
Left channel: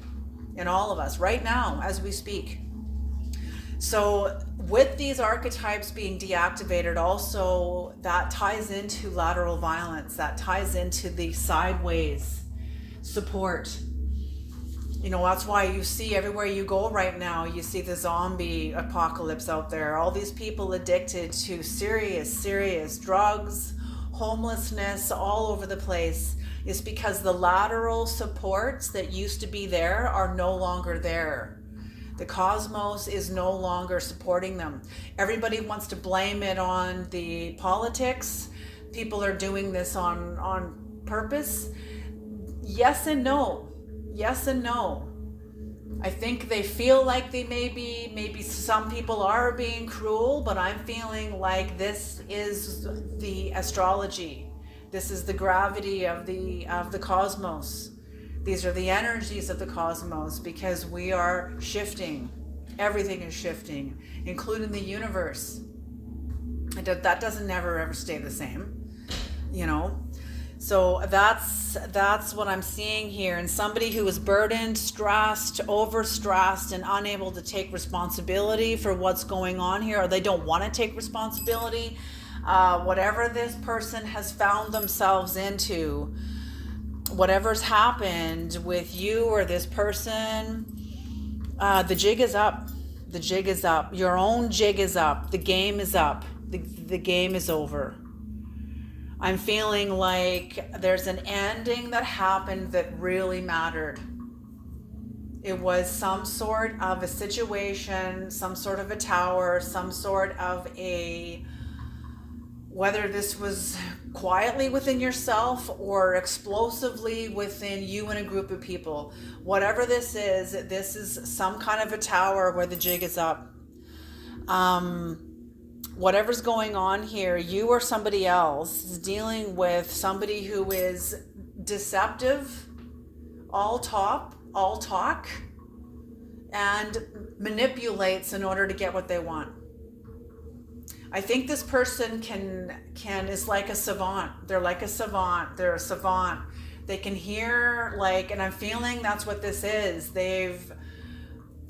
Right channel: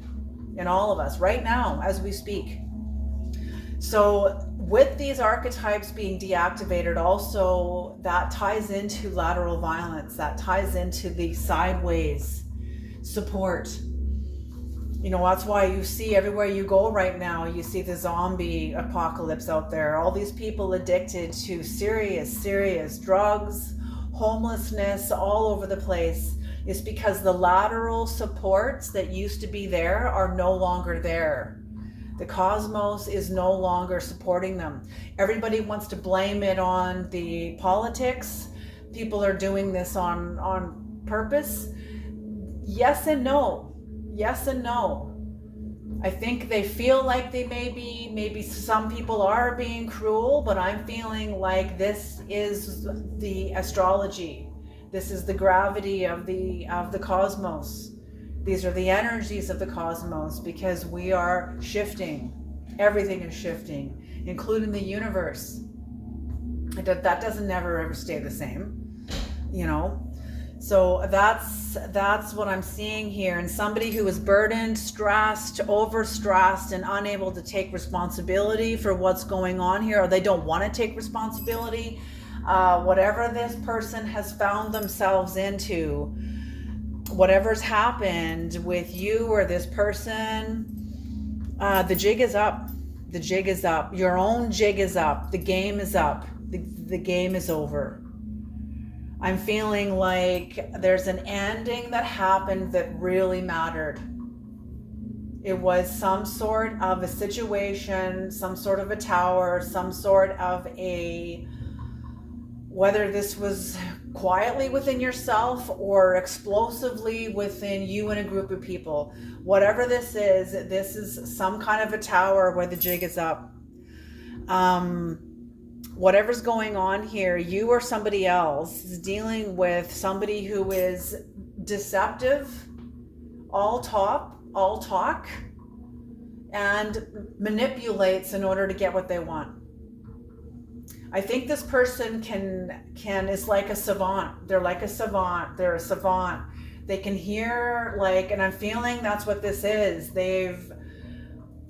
in all of us right now as we speak. So with these archetypes being deactivated, also that ties into lateral violence, that ties into the sideways support. You know, that's why you see everywhere you go right now, you see the zombie apocalypse out there. All these people addicted to serious drugs, homelessness all over the place. Is because the lateral supports that used to be there are no longer there. The cosmos is no longer supporting them. Everybody wants to blame it on the politics. People are doing this on purpose. Yes and no. Yes and no. I think they feel like they maybe some people are being cruel, but I'm feeling like this is the astrology. This is the gravity of the cosmos. These are the energies of the cosmos, because we are shifting. Everything is shifting, including the universe. That doesn't never ever stay the same, you know. So that's what I'm seeing here. And somebody who is burdened, stressed, overstressed, and unable to take responsibility for what's going on here, or they don't want to take responsibility. Whatever this person has found themselves into, whatever's happened with you or this person, the jig is up. The jig is up. Your own jig is up. The game is up. The game is over. I'm feeling like there's an ending that happened that really mattered. It was some sort of a situation, some sort of a tower, some sort of a, whether this was quietly within yourself or explosively within you and a group of people. Whatever this is some kind of a tower where the jig is up. Whatever's going on here, you or somebody else is dealing with somebody who is deceptive, all talk, and manipulates in order to get what they want. I think this person is like a savant. They're like a savant. They're a savant. They can hear, like, and I'm feeling that's what this is.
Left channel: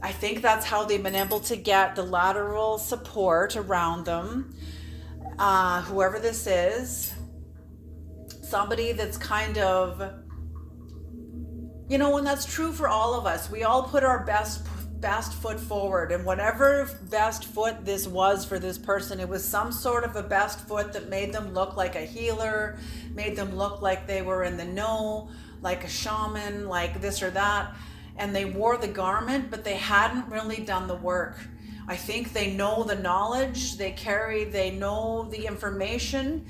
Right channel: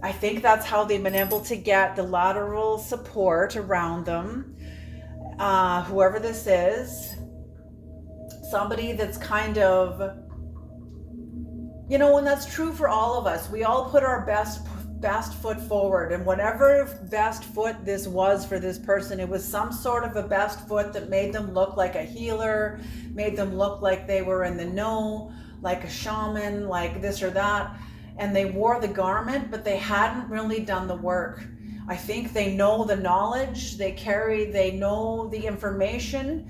I think that's how they've been able to get the lateral support around them. whoever this is, somebody that's kind of, you know, and that's true for all of us. We all put our best foot forward, and whatever best foot this was for this person, it was some sort of a best foot that made them look like a healer, made them look like they were in the know, like a shaman, like this or that, and they wore the garment, but they hadn't really done the work. I think they know the knowledge, they know the information,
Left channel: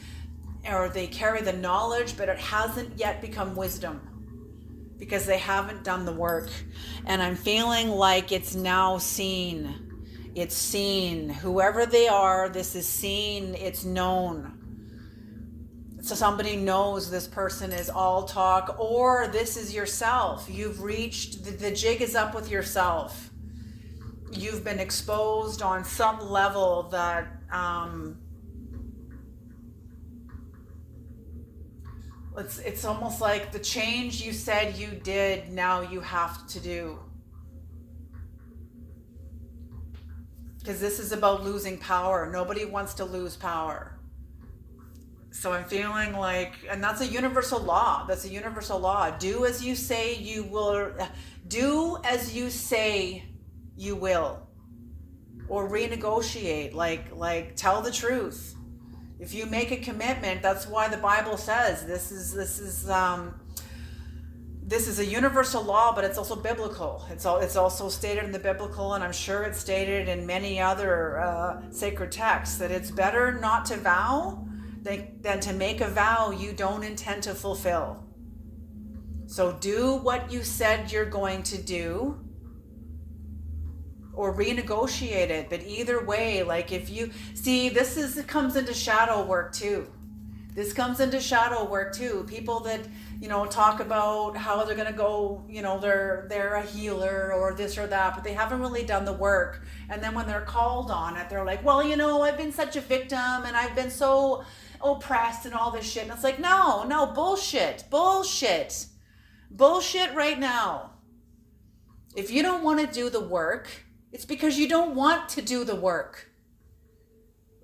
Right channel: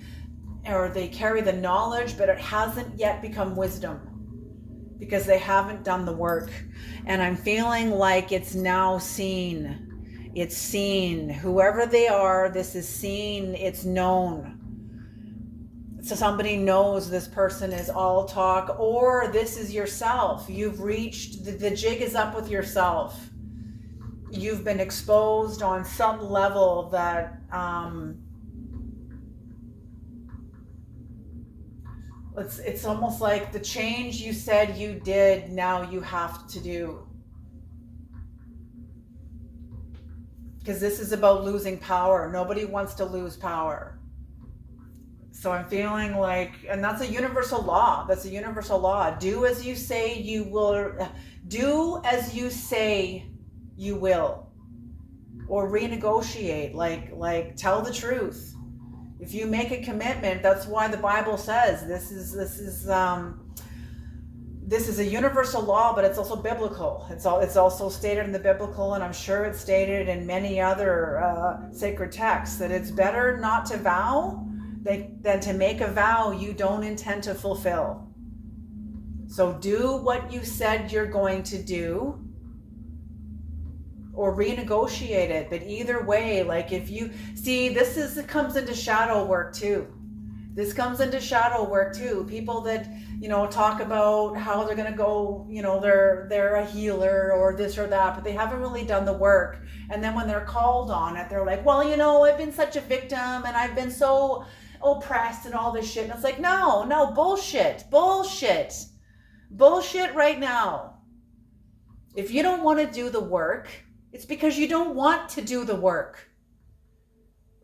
or they carry the knowledge, but it hasn't yet become wisdom because they haven't done the work. And I'm feeling like it's now seen. It's seen. Whoever they are, this is seen. It's known. So somebody knows this person is all talk, or this is yourself. You've reached, the jig is up with yourself. You've been exposed on some level that it's almost like the change you said you did, now you have to do. Because this is about losing power. Nobody wants to lose power. So I'm feeling like, and that's a universal law. That's a universal law. Do as you say you will. Do as you say you will. Or renegotiate. Like tell the truth. If you make a commitment, that's why the Bible says this is a universal law, but it's also biblical. It's also stated in the biblical, and I'm sure it's stated in many other sacred texts, that it's better not to vow than to make a vow you don't intend to fulfill. So do what you said you're going to do, or renegotiate it. But either way, like if you see, it comes into shadow work too. This comes into shadow work too. People that, you know, talk about how they're going to go, you know, they're a healer or this or that, but they haven't really done the work. And then when they're called on it, they're like, well, you know, I've been such a victim and I've been so oppressed and all this shit. And it's like, no, bullshit right now. If you don't want to do the work, it's because you don't want to do the work.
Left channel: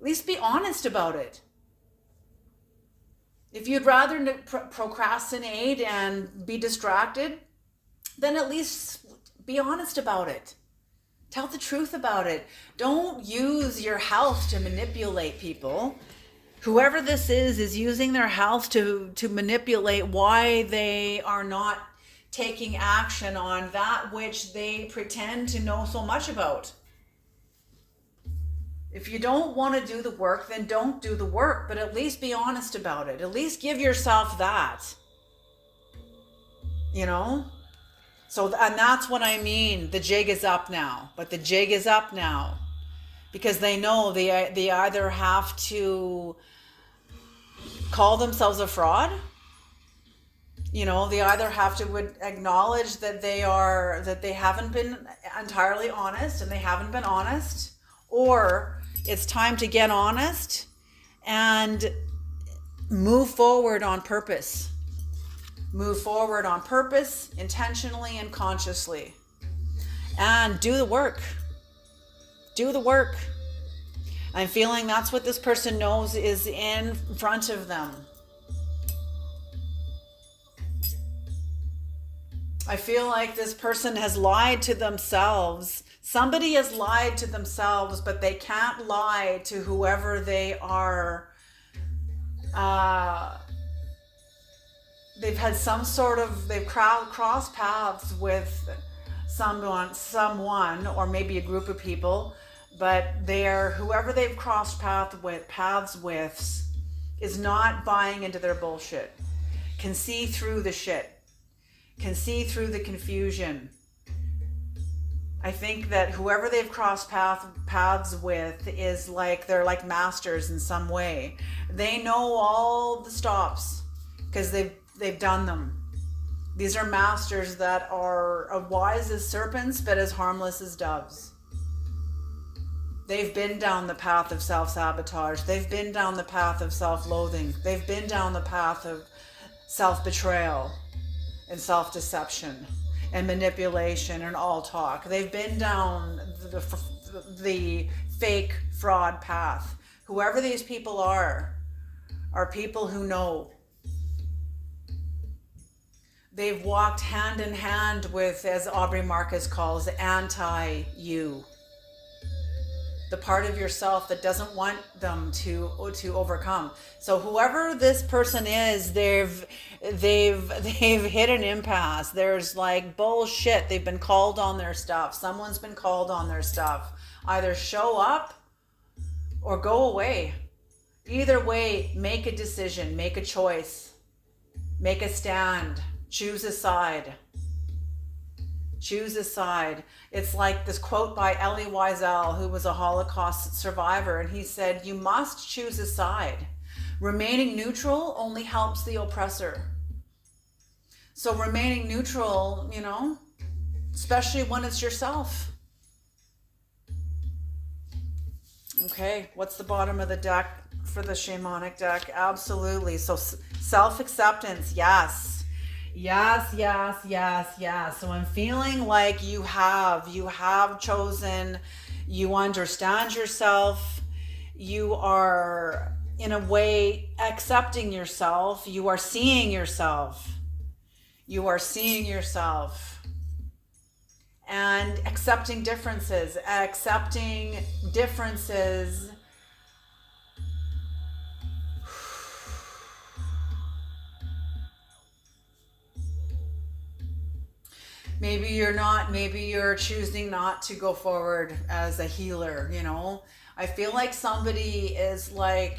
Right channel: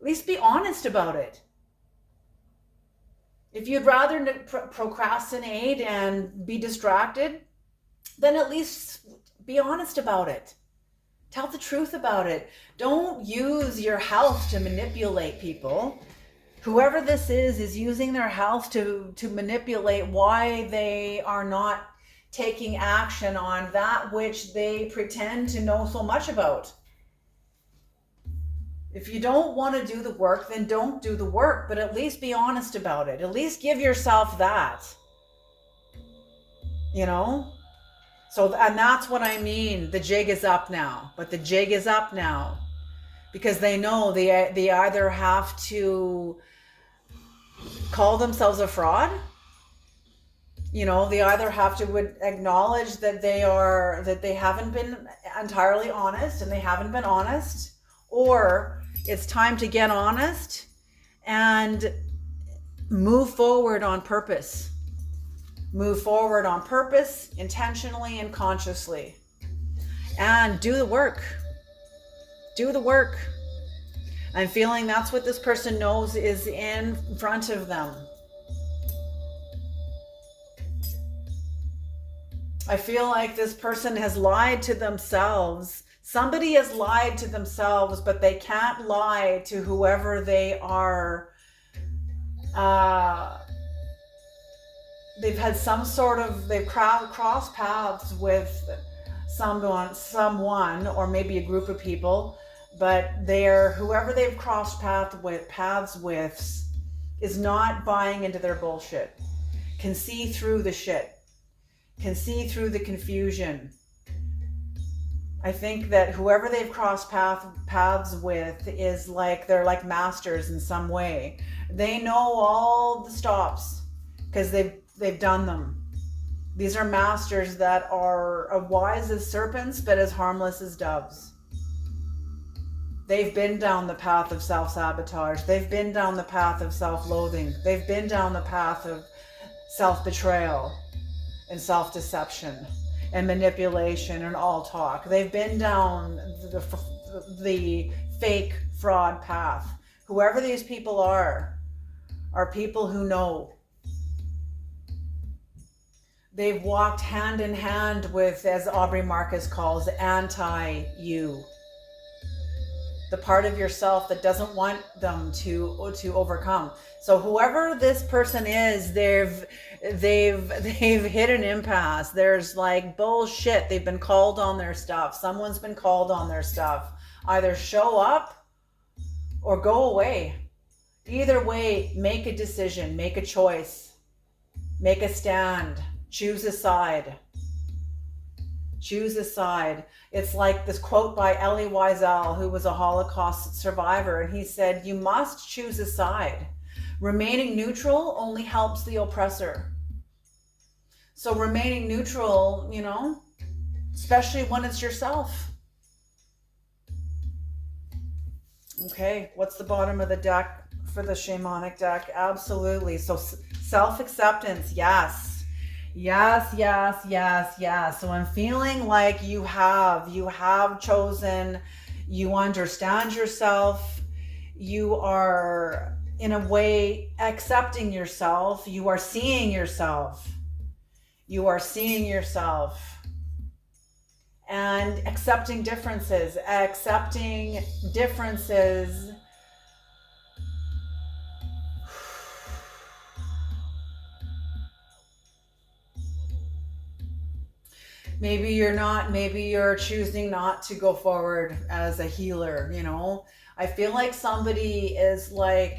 At least be honest about it. If you'd rather procrastinate and be distracted, then at least be honest about it. Tell the truth about it. Don't use your health to manipulate people. Whoever this is using their health to manipulate why they are not taking action on that which they pretend to know so much about. If you don't want to do the work, then don't do the work, but at least be honest about it. At least give yourself that. You know? So, and that's what I mean. The jig is up now. But the jig is up now. Because they know they either have to call themselves a fraud. You know, they either have to acknowledge that they haven't been entirely honest, and they haven't been honest, or it's time to get honest and move forward on purpose. Move forward on purpose, intentionally and consciously. And do the work. Do the work. I'm feeling that's what this person knows is in front of them. I feel like this person has lied to themselves. Somebody has lied to themselves, but they can't lie to whoever they are. They've had they've crossed paths with someone, or maybe a group of people, but whoever they've crossed paths with is not buying into their bullshit, can see through the shit. Can see through the confusion. I think that whoever they've crossed paths with is like, they're like masters in some way. They know all the stops because they've done them. These are masters that are wise as serpents, but as harmless as doves. They've been down the path of self-sabotage. They've been down the path of self-loathing. They've been down the path of self-betrayal and self-deception and manipulation and all talk. They've been down the fake fraud path. Whoever these people are people who know. They've walked hand in hand with, as Aubrey Marcus calls, anti-you. The part of yourself that doesn't want them to overcome. So whoever this person is, they've hit an impasse. There's like bullshit. They've been called on their stuff. Someone's been called on their stuff. Either show up or go away. Either way, make a decision, make a choice, make a stand, choose a side. Choose a side. It's like this quote by Elie Wiesel, who was a Holocaust survivor, and he said, you must choose a side. Remaining neutral only helps the oppressor. So remaining neutral, you know, especially when it's yourself. Okay, what's the bottom of the deck for the shamanic deck? Absolutely. So self-acceptance, yes. Yes. So I'm feeling like you have chosen, you understand yourself, you are in a way accepting yourself, you are seeing yourself, and accepting differences. Maybe you're choosing not to go forward as a healer, you know. I feel like somebody is like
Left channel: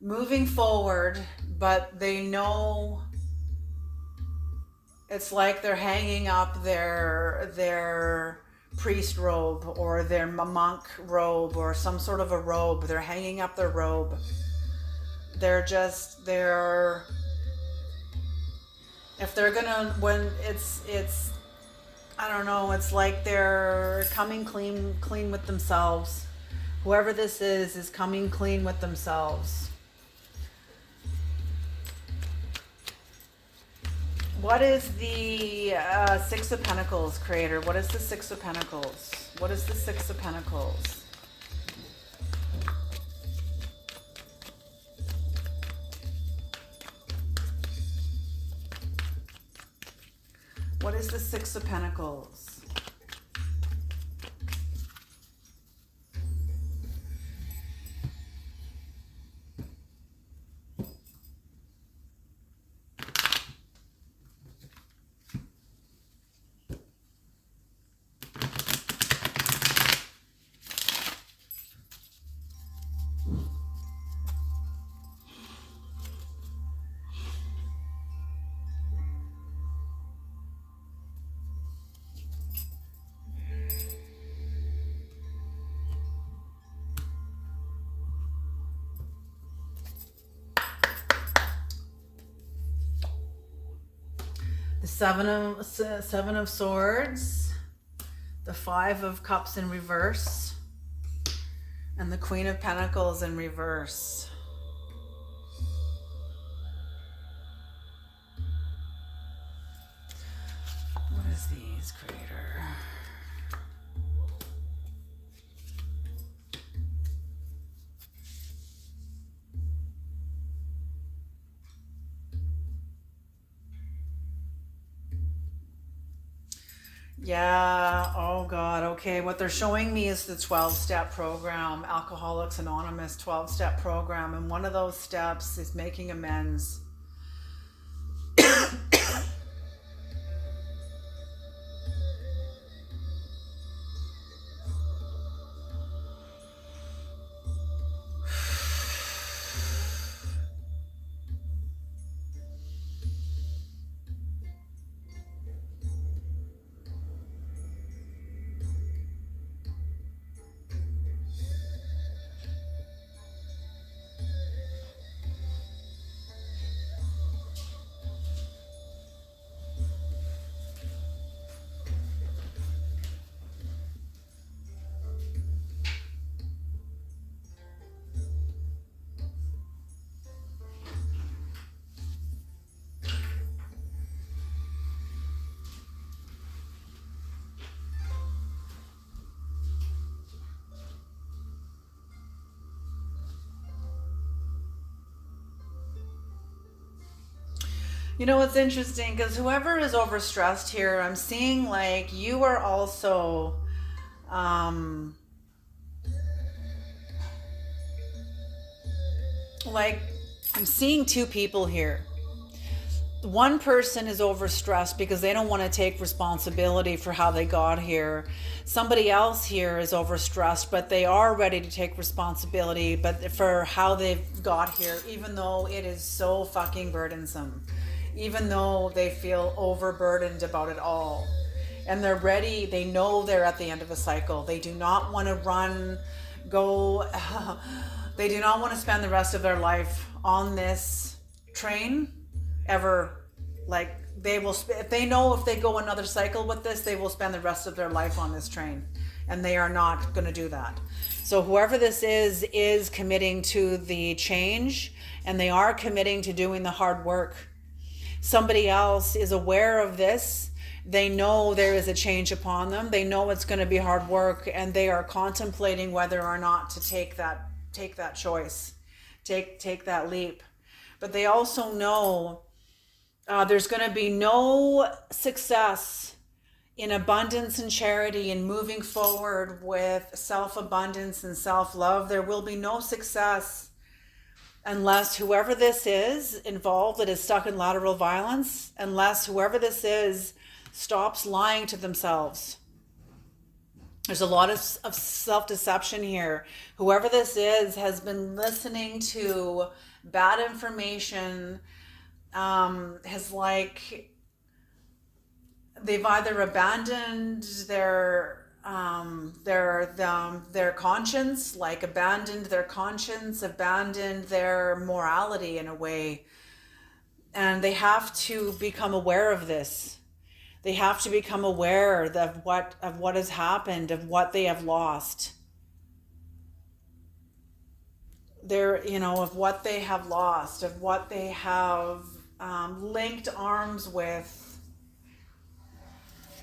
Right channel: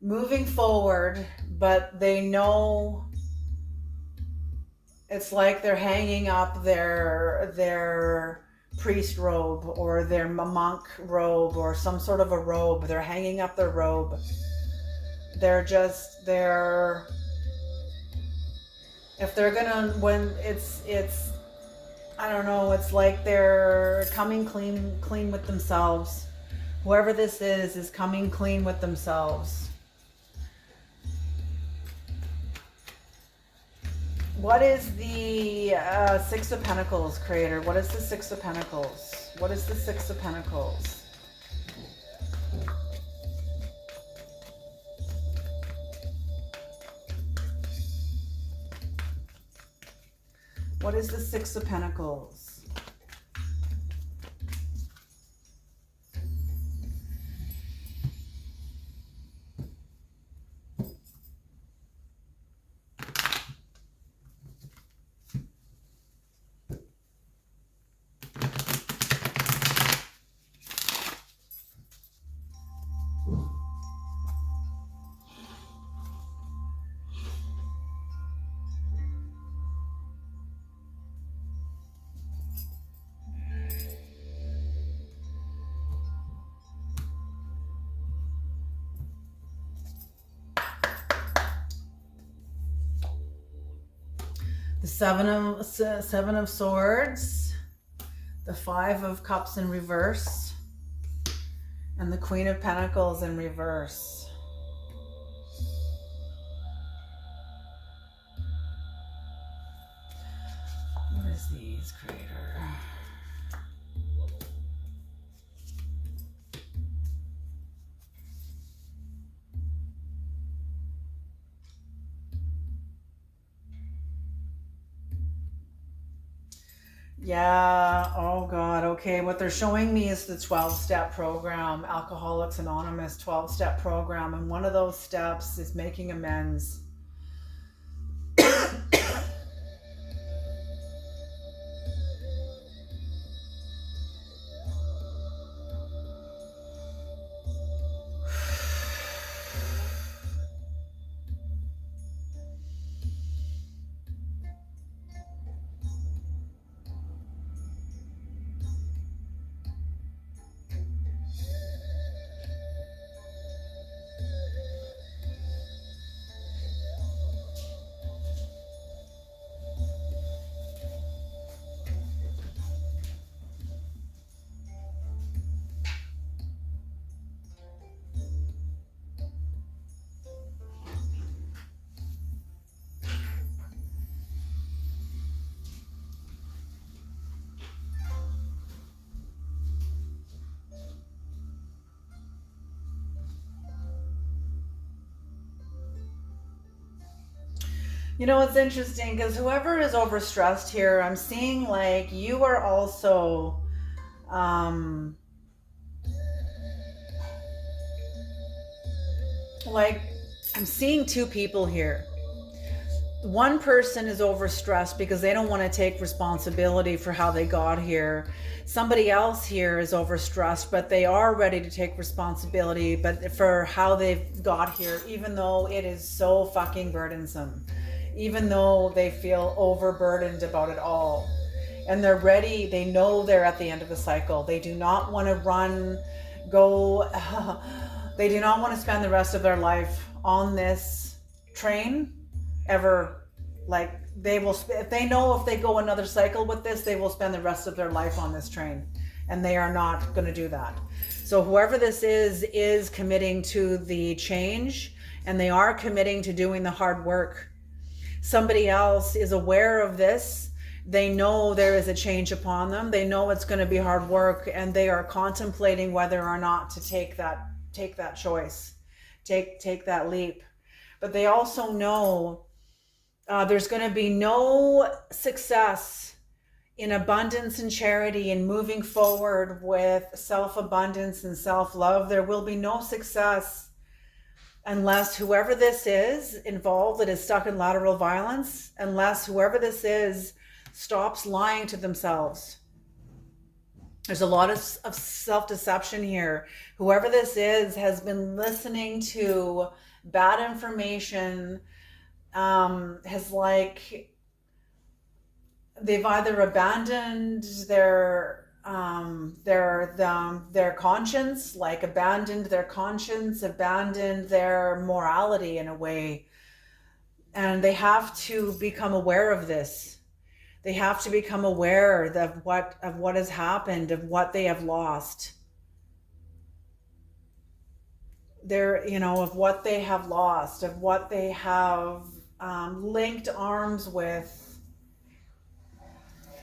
moving forward, but they know it's like they're hanging up their priest robe or their monk robe or some sort of a robe. They're hanging up their robe. If they're gonna, when it's I don't know, it's like they're coming clean with themselves. Whoever this is coming clean with themselves. What is the Six of Pentacles, Creator? What is the Six of Pentacles? What is the Six of Pentacles? What is the Six of Pentacles? The Seven of Swords, the Five of Cups in reverse, and the Queen of Pentacles in reverse. What is these, Creator? Yeah, oh God, okay. What they're showing me is the 12-step program, Alcoholics Anonymous 12-step program. And one of those steps is making amends. You know, it's interesting because whoever is overstressed here, I'm seeing like you are also, um, like, I'm seeing two people here. One person is overstressed because they don't want to take responsibility for how they got here. Somebody else here is overstressed, but they are ready to take responsibility but for how they've got here, even though it is so fucking burdensome, even though they feel overburdened about it all. And they're ready, they know they're at the end of a cycle. They do not want to go, they do not want to spend the rest of their life on this train ever. Like, they will, if they know if they go another cycle with this, they will spend the rest of their life on this train, and they are not going to do that. So whoever this is committing to the change, and they are committing to doing the hard work. Somebody else is aware of this. They know there is a change upon them. They know it's going to be hard work, and they are contemplating whether or not to take that choice, take that leap. But they also know there's going to be no success in abundance and charity and moving forward with self-abundance and self-love. There will be no success unless whoever this is involved that is stuck in lateral violence, unless whoever this is stops lying to themselves. There's a lot of self-deception here. Whoever this is has been listening to bad information, has like, they've either abandoned their conscience, like abandoned their conscience, abandoned their morality in a way. And they have to become aware of this. They have to become aware of what has happened, of what they have lost. Of what they have lost, of what they have linked arms with.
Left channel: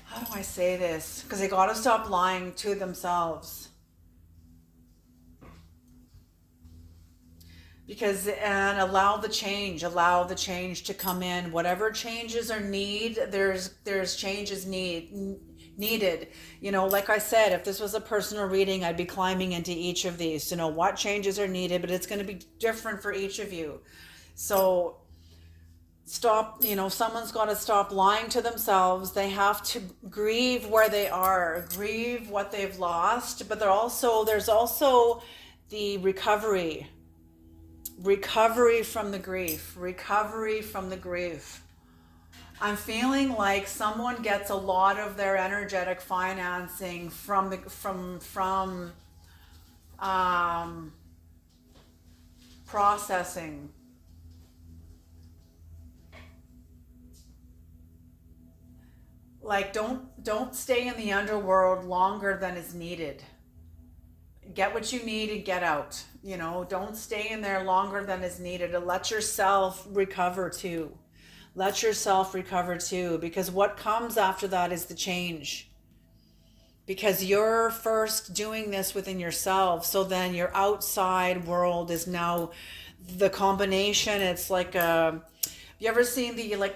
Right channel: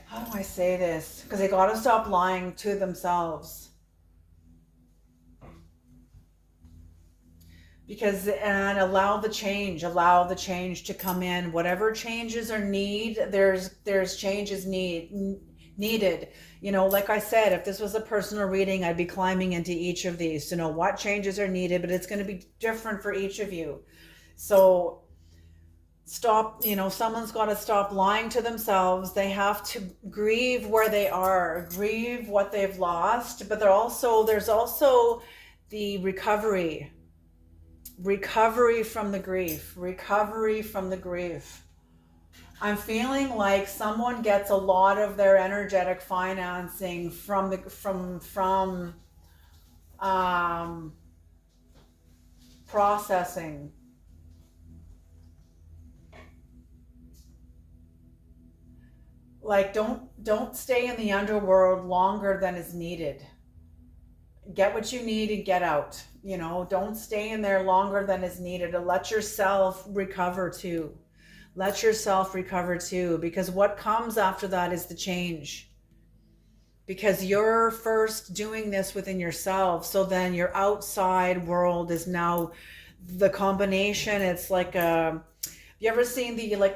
How do I say this? Because they got to stop lying to themselves. And allow the change to come in. Whatever changes are there's changes needed. Like I said, if this was a personal reading, I'd be climbing into each of these to know what changes are needed, but it's going to be different for each of you. So stop, someone's got to stop lying to themselves. They have to grieve where they are, grieve what they've lost, but there's also the recovery from the grief. I'm feeling like someone gets a lot of their energetic financing from processing. Like, don't stay in the underworld longer than is needed. Get what you need and get out. Don't stay in there longer than is needed. Let yourself recover too. Because what comes after that is the change. Because you're first doing this within yourself, so then your outside world is now the combination. It's like you ever seen a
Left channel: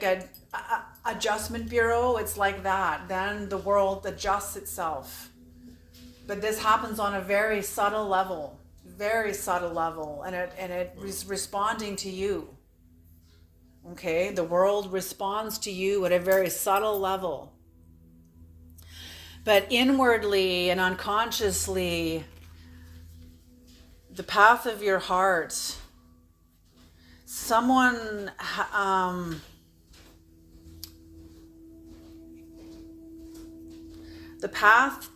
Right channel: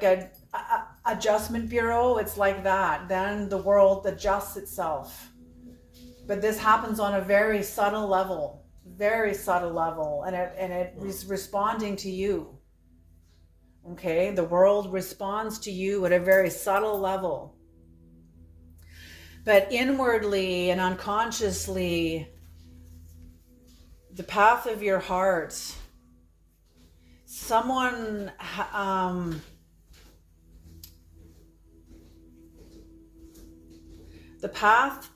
adjustment bureau? It's like that. Then the world adjusts itself. But this happens on a very subtle level, and it is responding to you. Okay, the world responds to you at a very subtle level. But inwardly and unconsciously, the path of your heart, someone the path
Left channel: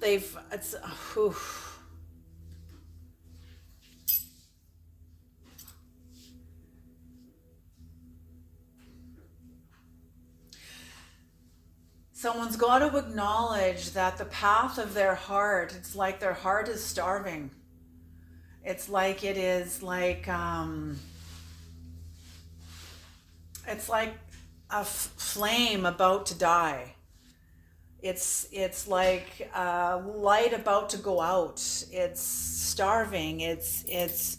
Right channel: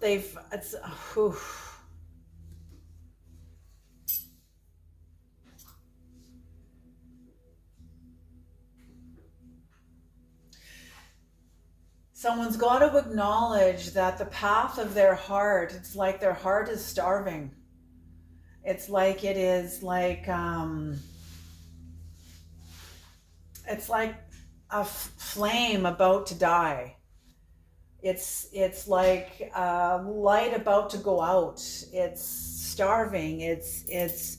someone's got to acknowledge that the path of their heart, it's like their heart is starving. It's like it's like a flame about to die. It's like a light about to go out. It's starving. It's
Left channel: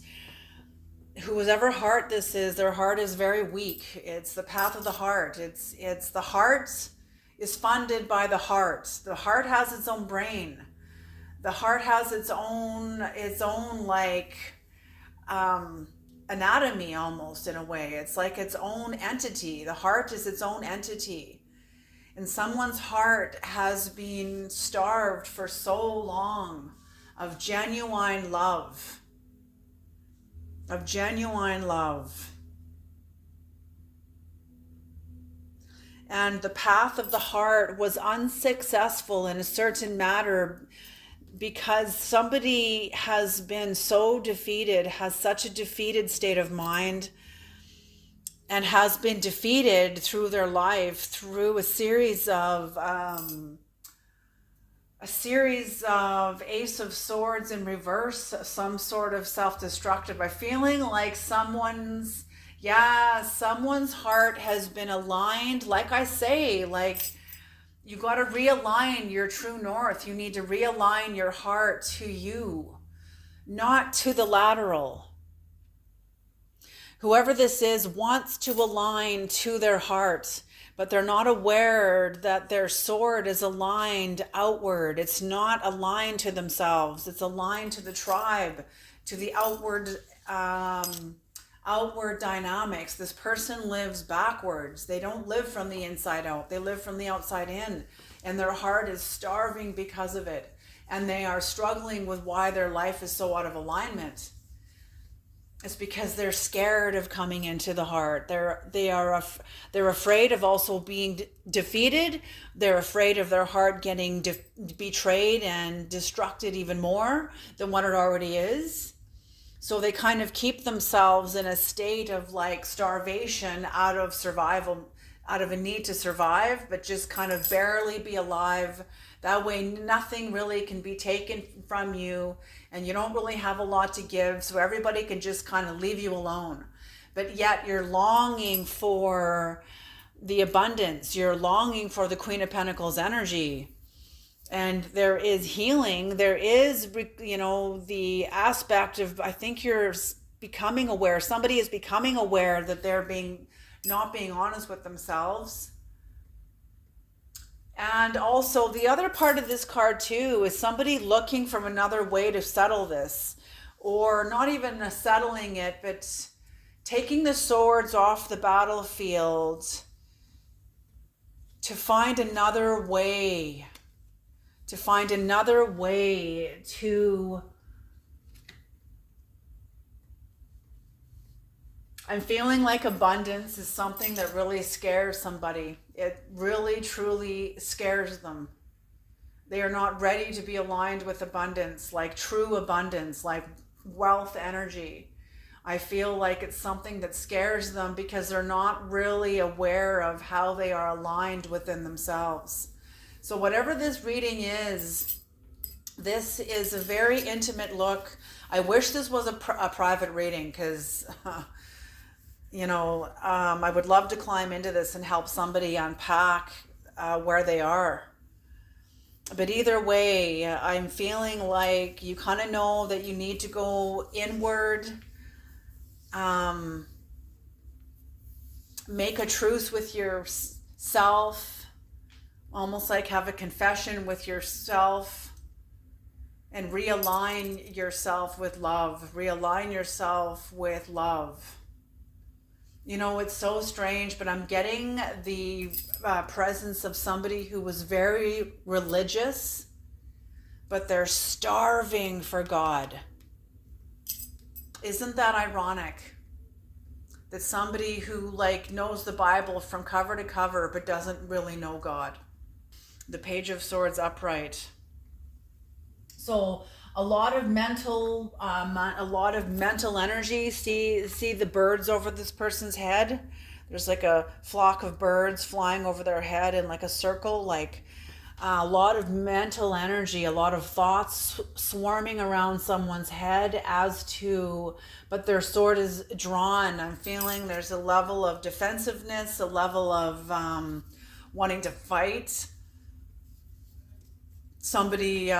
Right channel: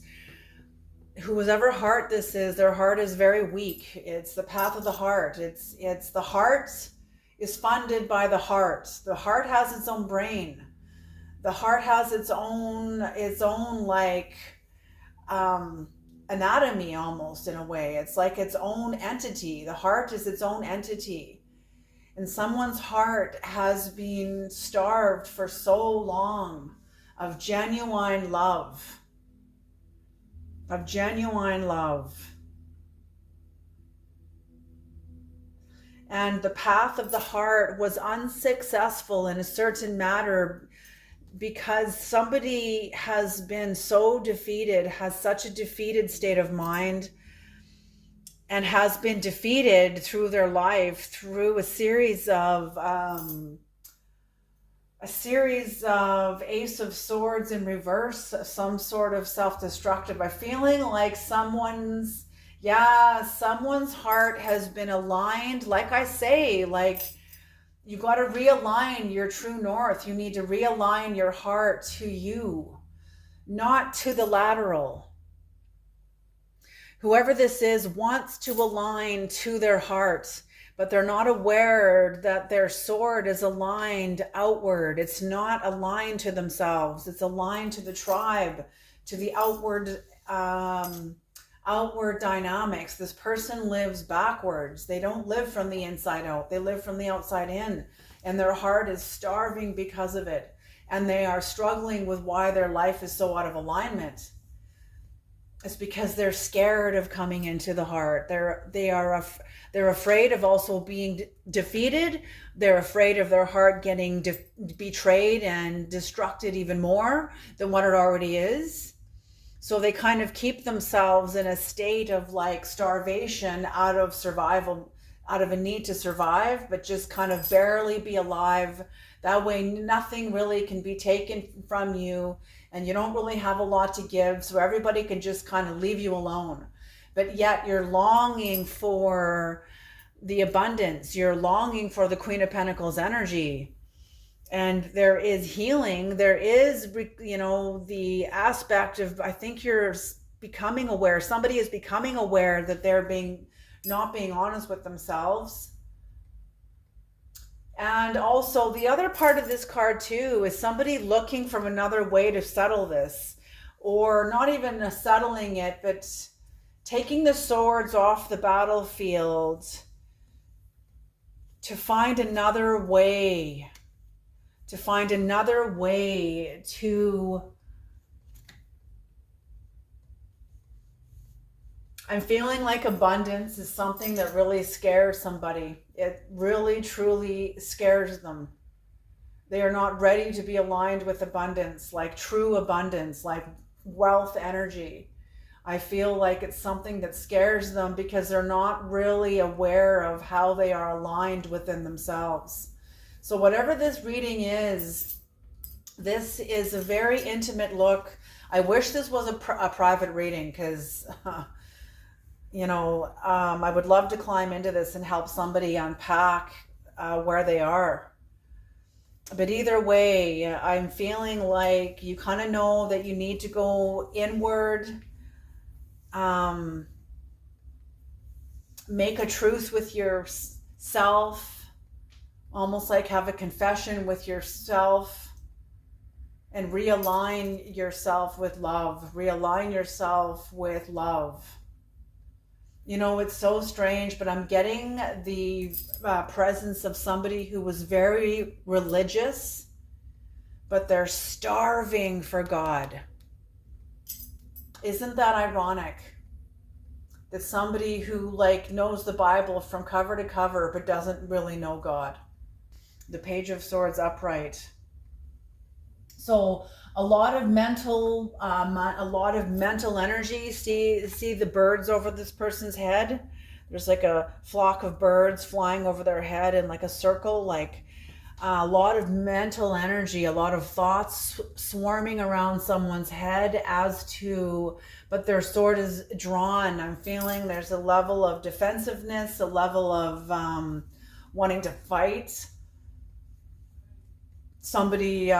whoever heart this is, their heart is very weak. It's the path of the heart. It's the heart is funded by the heart. The heart has its own brain. The heart has its own like anatomy, almost, in a way. It's like its own entity. The heart is its own entity. And someone's heart has been starved for so long of genuine love. Of genuine love. And the path of the heart was unsuccessful in a certain matter because somebody has been so defeated, has such a defeated state of mind, and has been defeated through their life through a series of Ace of Swords in reverse, some sort of self-destructive, by feeling like someone's heart has been aligned. Like I say, like, you got to realign your true north. You need to realign your heart to you, not to the lateral. Whoever this is wants to align to their heart, but they're not aware that their sword is aligned outward. It's not aligned to themselves. It's aligned to the tribe, to the outward dynamics. This person lives backwards. They don't live from the inside out. They live from the outside in, and their heart is starving because of it. And they are struggling with why their life is so out of alignment. It's because they're scared of coming into the heart. They're afraid of also being defeated. They're afraid of their heart getting betrayed and destructed even more than what it already is. So they kind of keep themselves in a state of like starvation out of survival, out of a need to survive, but just kind of barely be alive. That way nothing really can be taken from you, and you don't really have a lot to give, so everybody can just kind of leave you alone. But yet you're longing for the abundance. You're longing for the Queen of Pentacles energy. And there is healing. There is, the aspect of, I think you're becoming aware. Somebody is becoming aware that they're not being honest with themselves. And also the other part of this card too is somebody looking for another way to settle this, or not even settling it, but taking the swords off the battlefield to find another way, to I'm feeling like abundance is something that really scares somebody. It really, truly scares them. They are not ready to be aligned with abundance, like true abundance, like wealth energy. I feel like it's something that scares them because they're not really aware of how they are aligned within themselves. So whatever this reading is, this is a very intimate look. I wish this was a private reading because... I would love to climb into this and help somebody unpack where they are. But either way, I'm feeling like you kind of know that you need to go inward, make a truce with yourself, almost like have a confession with yourself, and realign yourself with love. Realign yourself with love. It's so strange, but I'm getting the presence of somebody who was very religious, but they're starving for God. Isn't that ironic? That somebody who knows the Bible from cover to cover, but doesn't really know God. The Page of Swords upright. So a lot of mental energy. See the birds over this person's head. There's like a flock of birds flying over their head in like a circle, like a lot of mental energy, a lot of thoughts swarming around someone's head but their sword is drawn. I'm feeling there's a level of defensiveness, a level of wanting to fight. Somebody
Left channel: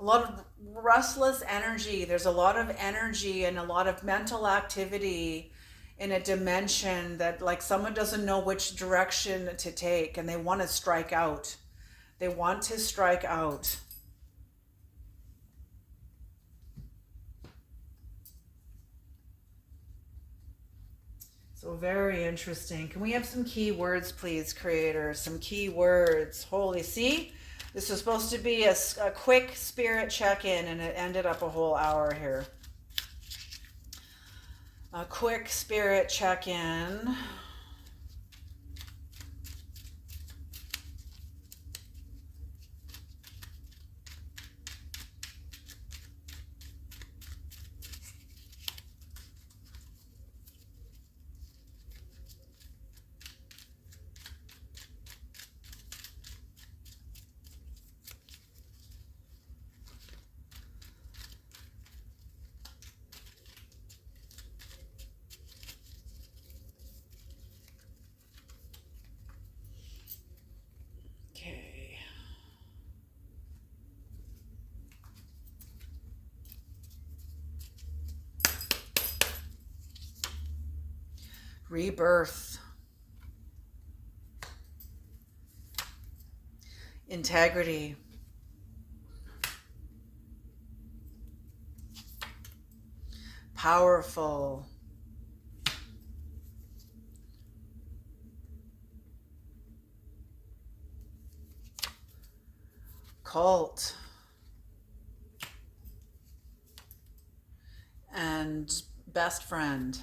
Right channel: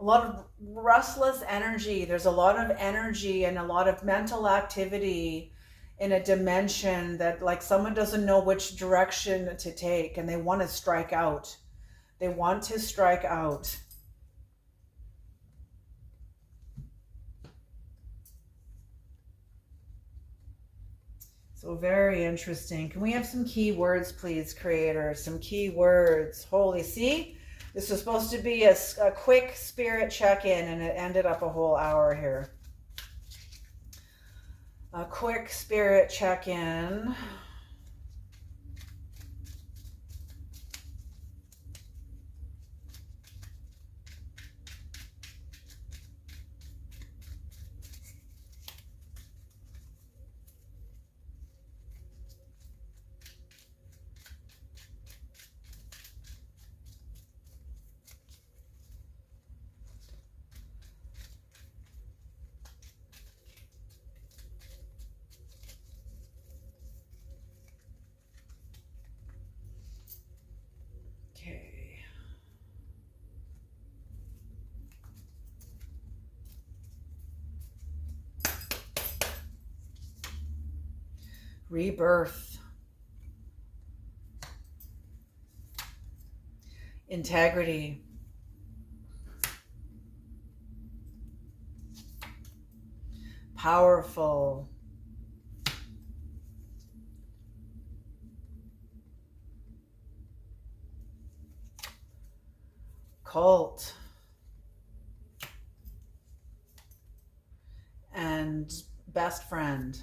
a lot of restless energy. There's a lot of energy and a lot of mental activity in a dimension that, like, someone doesn't know which direction to take and they want to strike out. They want to strike out. So very interesting. Can we have some key words, please, Creator? Some key words. Holy, see? This was supposed to be a quick spirit check-in, and it ended up a whole hour here. A quick spirit check-in. Rebirth, integrity, powerful, cult, and best friend.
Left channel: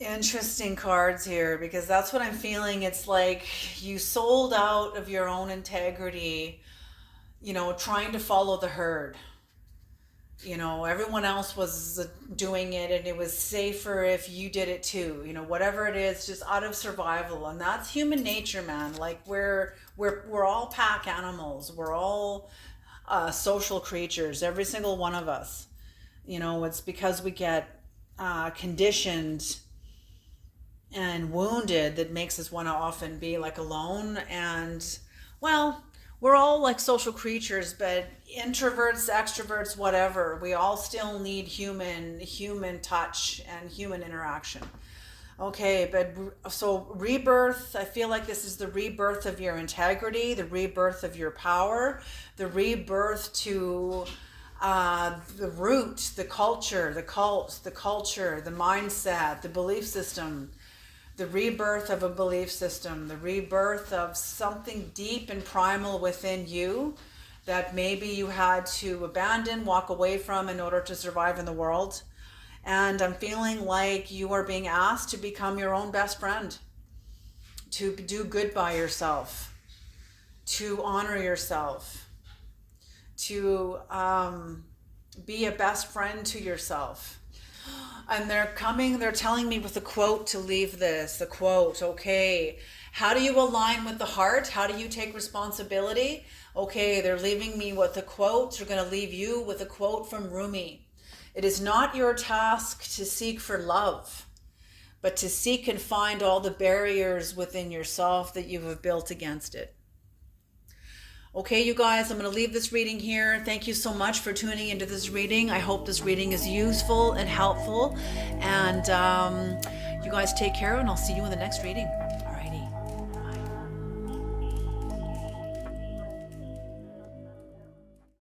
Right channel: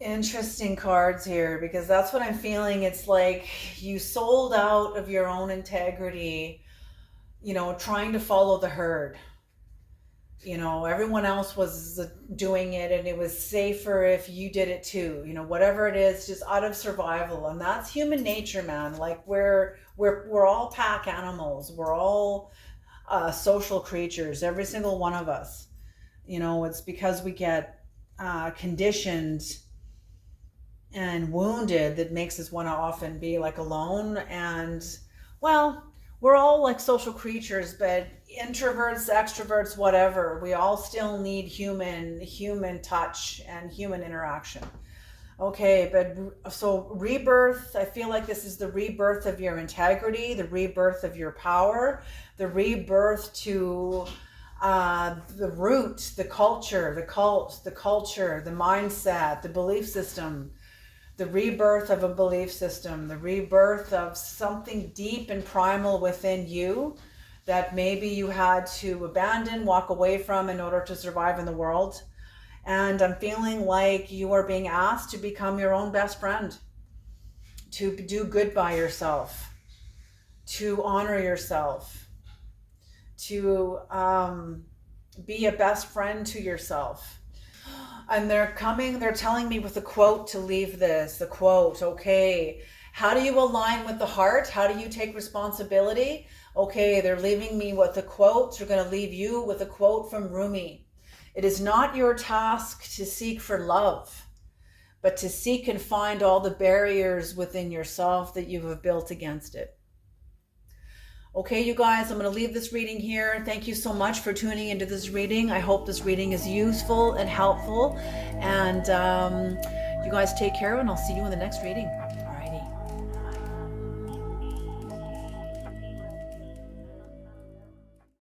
Interesting cards here, because that's what I'm feeling. It's like you sold out of your own integrity, trying to follow the herd. Everyone else was doing it and it was safer if you did it too. Whatever it is, just out of survival. And that's human nature, man. Like we're all pack animals. We're all social creatures, every single one of us. It's because we get conditioned and wounded that makes us want to often be like alone. And well, we're all like social creatures, but introverts, extroverts, whatever, we all still need human touch and human interaction. Okay, but so rebirth, I feel like this is the rebirth of your integrity, the rebirth of your power, the rebirth to the root, the culture, the cult, the culture, the mindset, the belief system, the rebirth of a belief system, the rebirth of something deep and primal within you that maybe you had to abandon, walk away from in order to survive in the world. And I'm feeling like you are being asked to become your own best friend, to do good by yourself, to honor yourself, to be a best friend to yourself. And they're telling me with a quote to leave this, the quote, okay, how do you align with the heart? How do you take responsibility? Okay, they're leaving me with a quote. They're going to leave you with a quote from Rumi. It is not your task to seek for love, but to seek and find all the barriers within yourself that you have built against it. Okay, you guys, I'm going to leave this reading here. Thank you so much for tuning into this reading. I hope this reading is useful and helpful. And you guys take care, and I'll see you in the next reading.